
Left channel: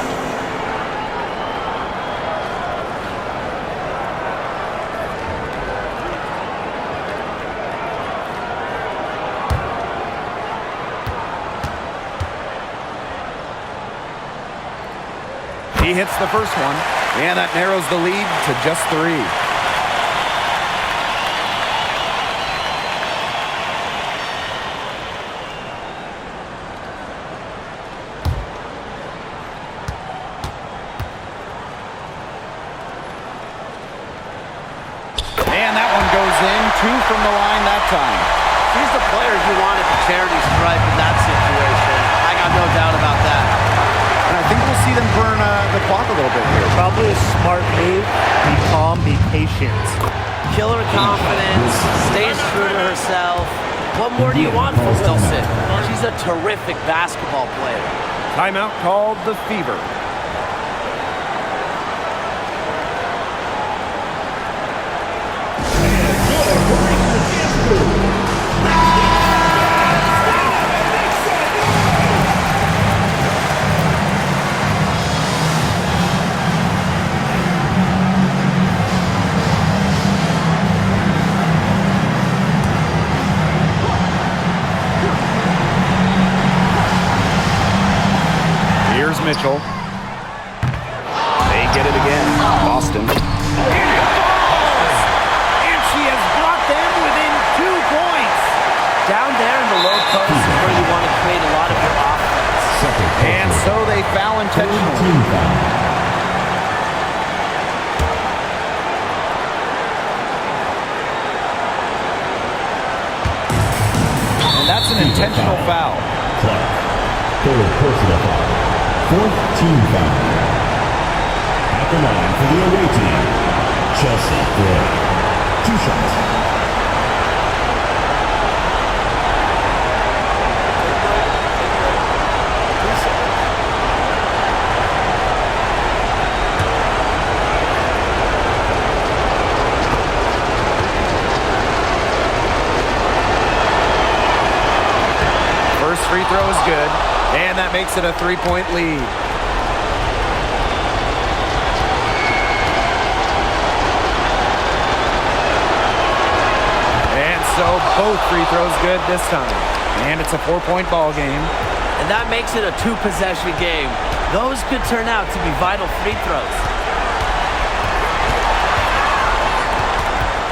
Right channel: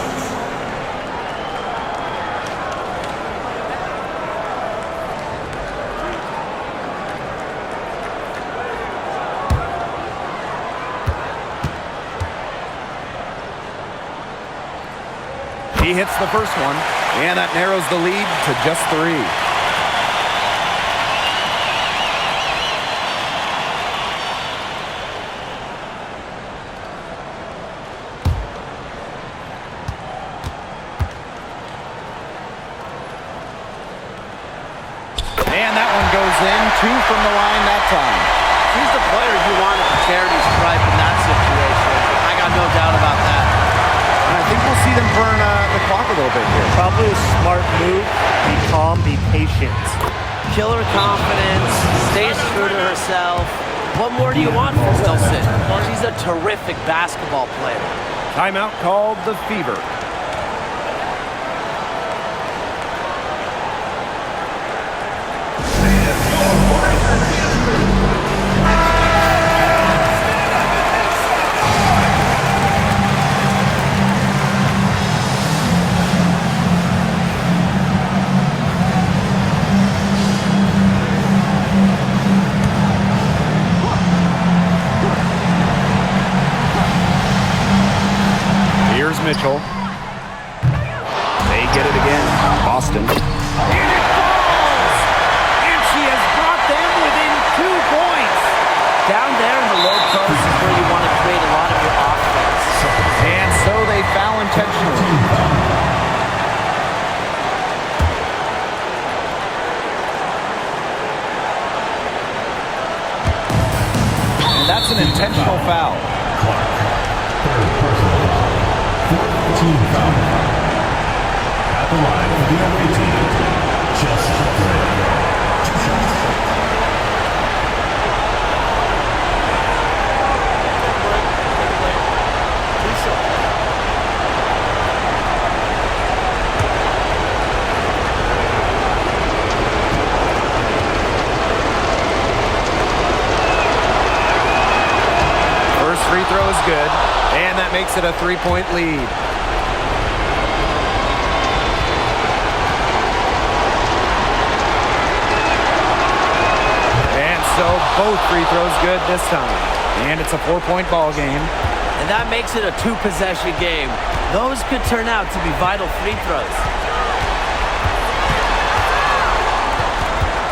He hits the first one, and that narrows the lead to just 3. And that one goes in. 2 from the line that time. She's the player you want at the charity stripe in that situation. I got no doubt about that. And I think we'll see them burn the clock a little bit here. Probably a smart move. Be calm, be patient. Killer confidence, stays true to herself. What more do you want from Wilson? She's a terrific basketball player. Timeout called the Fever. Here's Mitchell. They get it again. Boston. And it falls! And she has brought them within 2 points. Down there in the low post is where you want to create a lot of your offense. And so they foul intentionally. Team foul. And that's an intentional foul. Clark. Third personal foul. Fourth team foul. At the line for the away team, Chelsea Gray. 2 shots. Take a break. Take a break. 2 seconds. First free throw is good, and that makes it a 3-point lead. And so both free throws good this time. And it's a 4-point ball game. And that makes it a 2-possession game. Those could turn out to be vital free throws.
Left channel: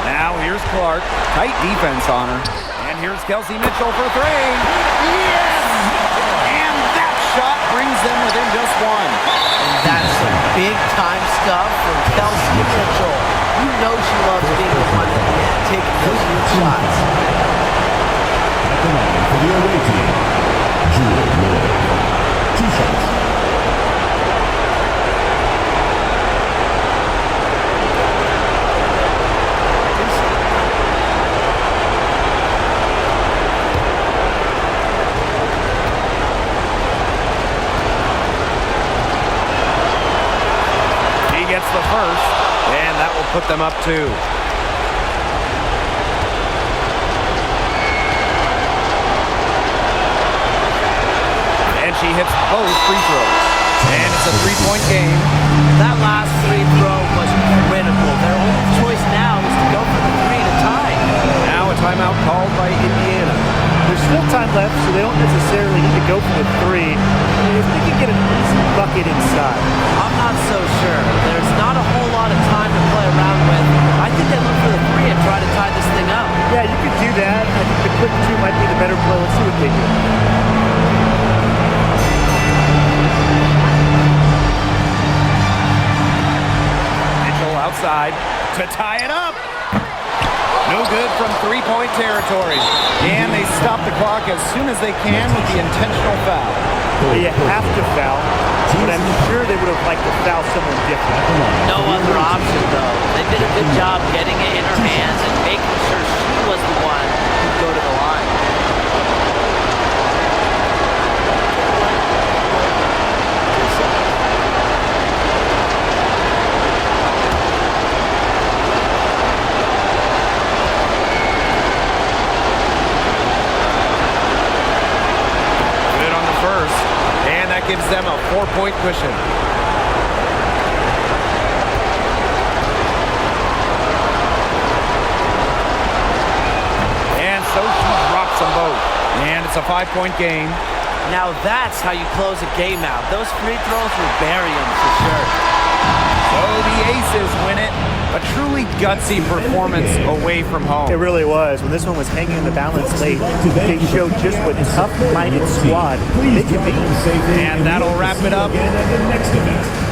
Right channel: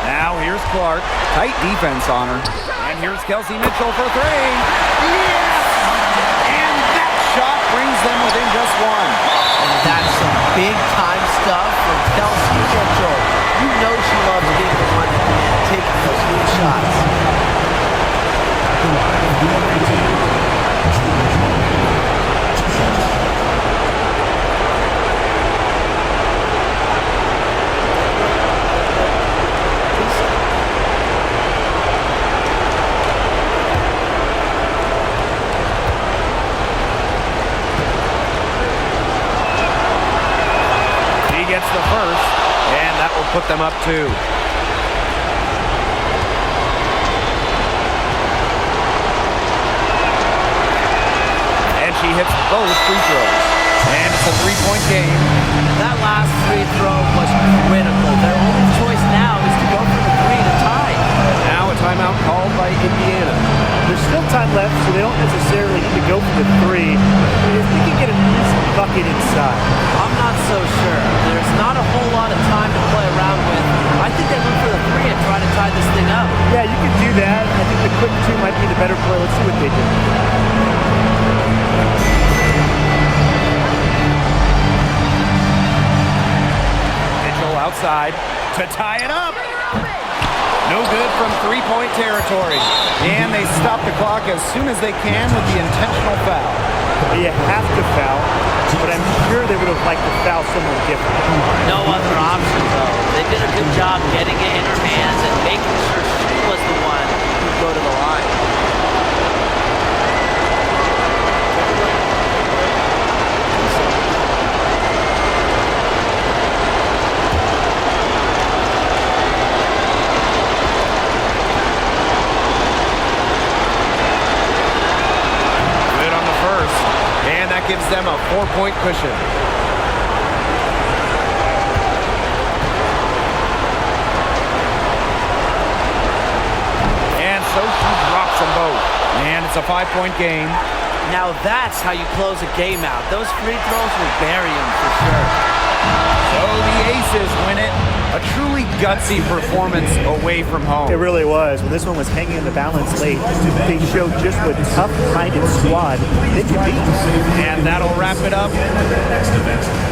Now here's Clark. Tight defense on her. And here's Kelsey Mitchell for 3. Yes! And that shot brings them within just 1. And that's some big-time stuff from Kelsey Mitchell. You know she loves being the one at the end, taking those huge shots. At the line for the away team, George Lloyd. 2 shots. Gets the first, and that will put them up 2. And she hits both free throws. And it's a 3-point game. That last free throw was critical. Their only choice now is to go for the 3 to tie. Now a timeout called by Indiana. There's still time left, so they don't necessarily need to go for the 3 if they can get an easy bucket inside. I'm not so sure. There's not a whole lot of time to play around with. I think they look for the 3 and try to tie this thing up. Yeah, you could do that. I think the quick 2 might be the better play. Let's see what they do. Mitchell outside to tie it up. No good from 3-point territory. And they stop the clock as soon as they can with the intentional foul. You have to foul, but I'm sure they would have liked to foul someone different. No other option, though. They did a good job getting it in her hands and making sure she was the one who'd go to the line. Take a break. Take a break. 2 seconds. Good on the first, and that gives them a 4-point cushion. And so she drops them both. And it's a 5-point game. Now that's how you close a game out. Those free throws will bury them for sure. So the Aces win it. A truly gutsy performance away from home. It really was. When this one was hanging in the balance late, they showed just what tough-minded squad they can be. And that'll wrap it up. Next event.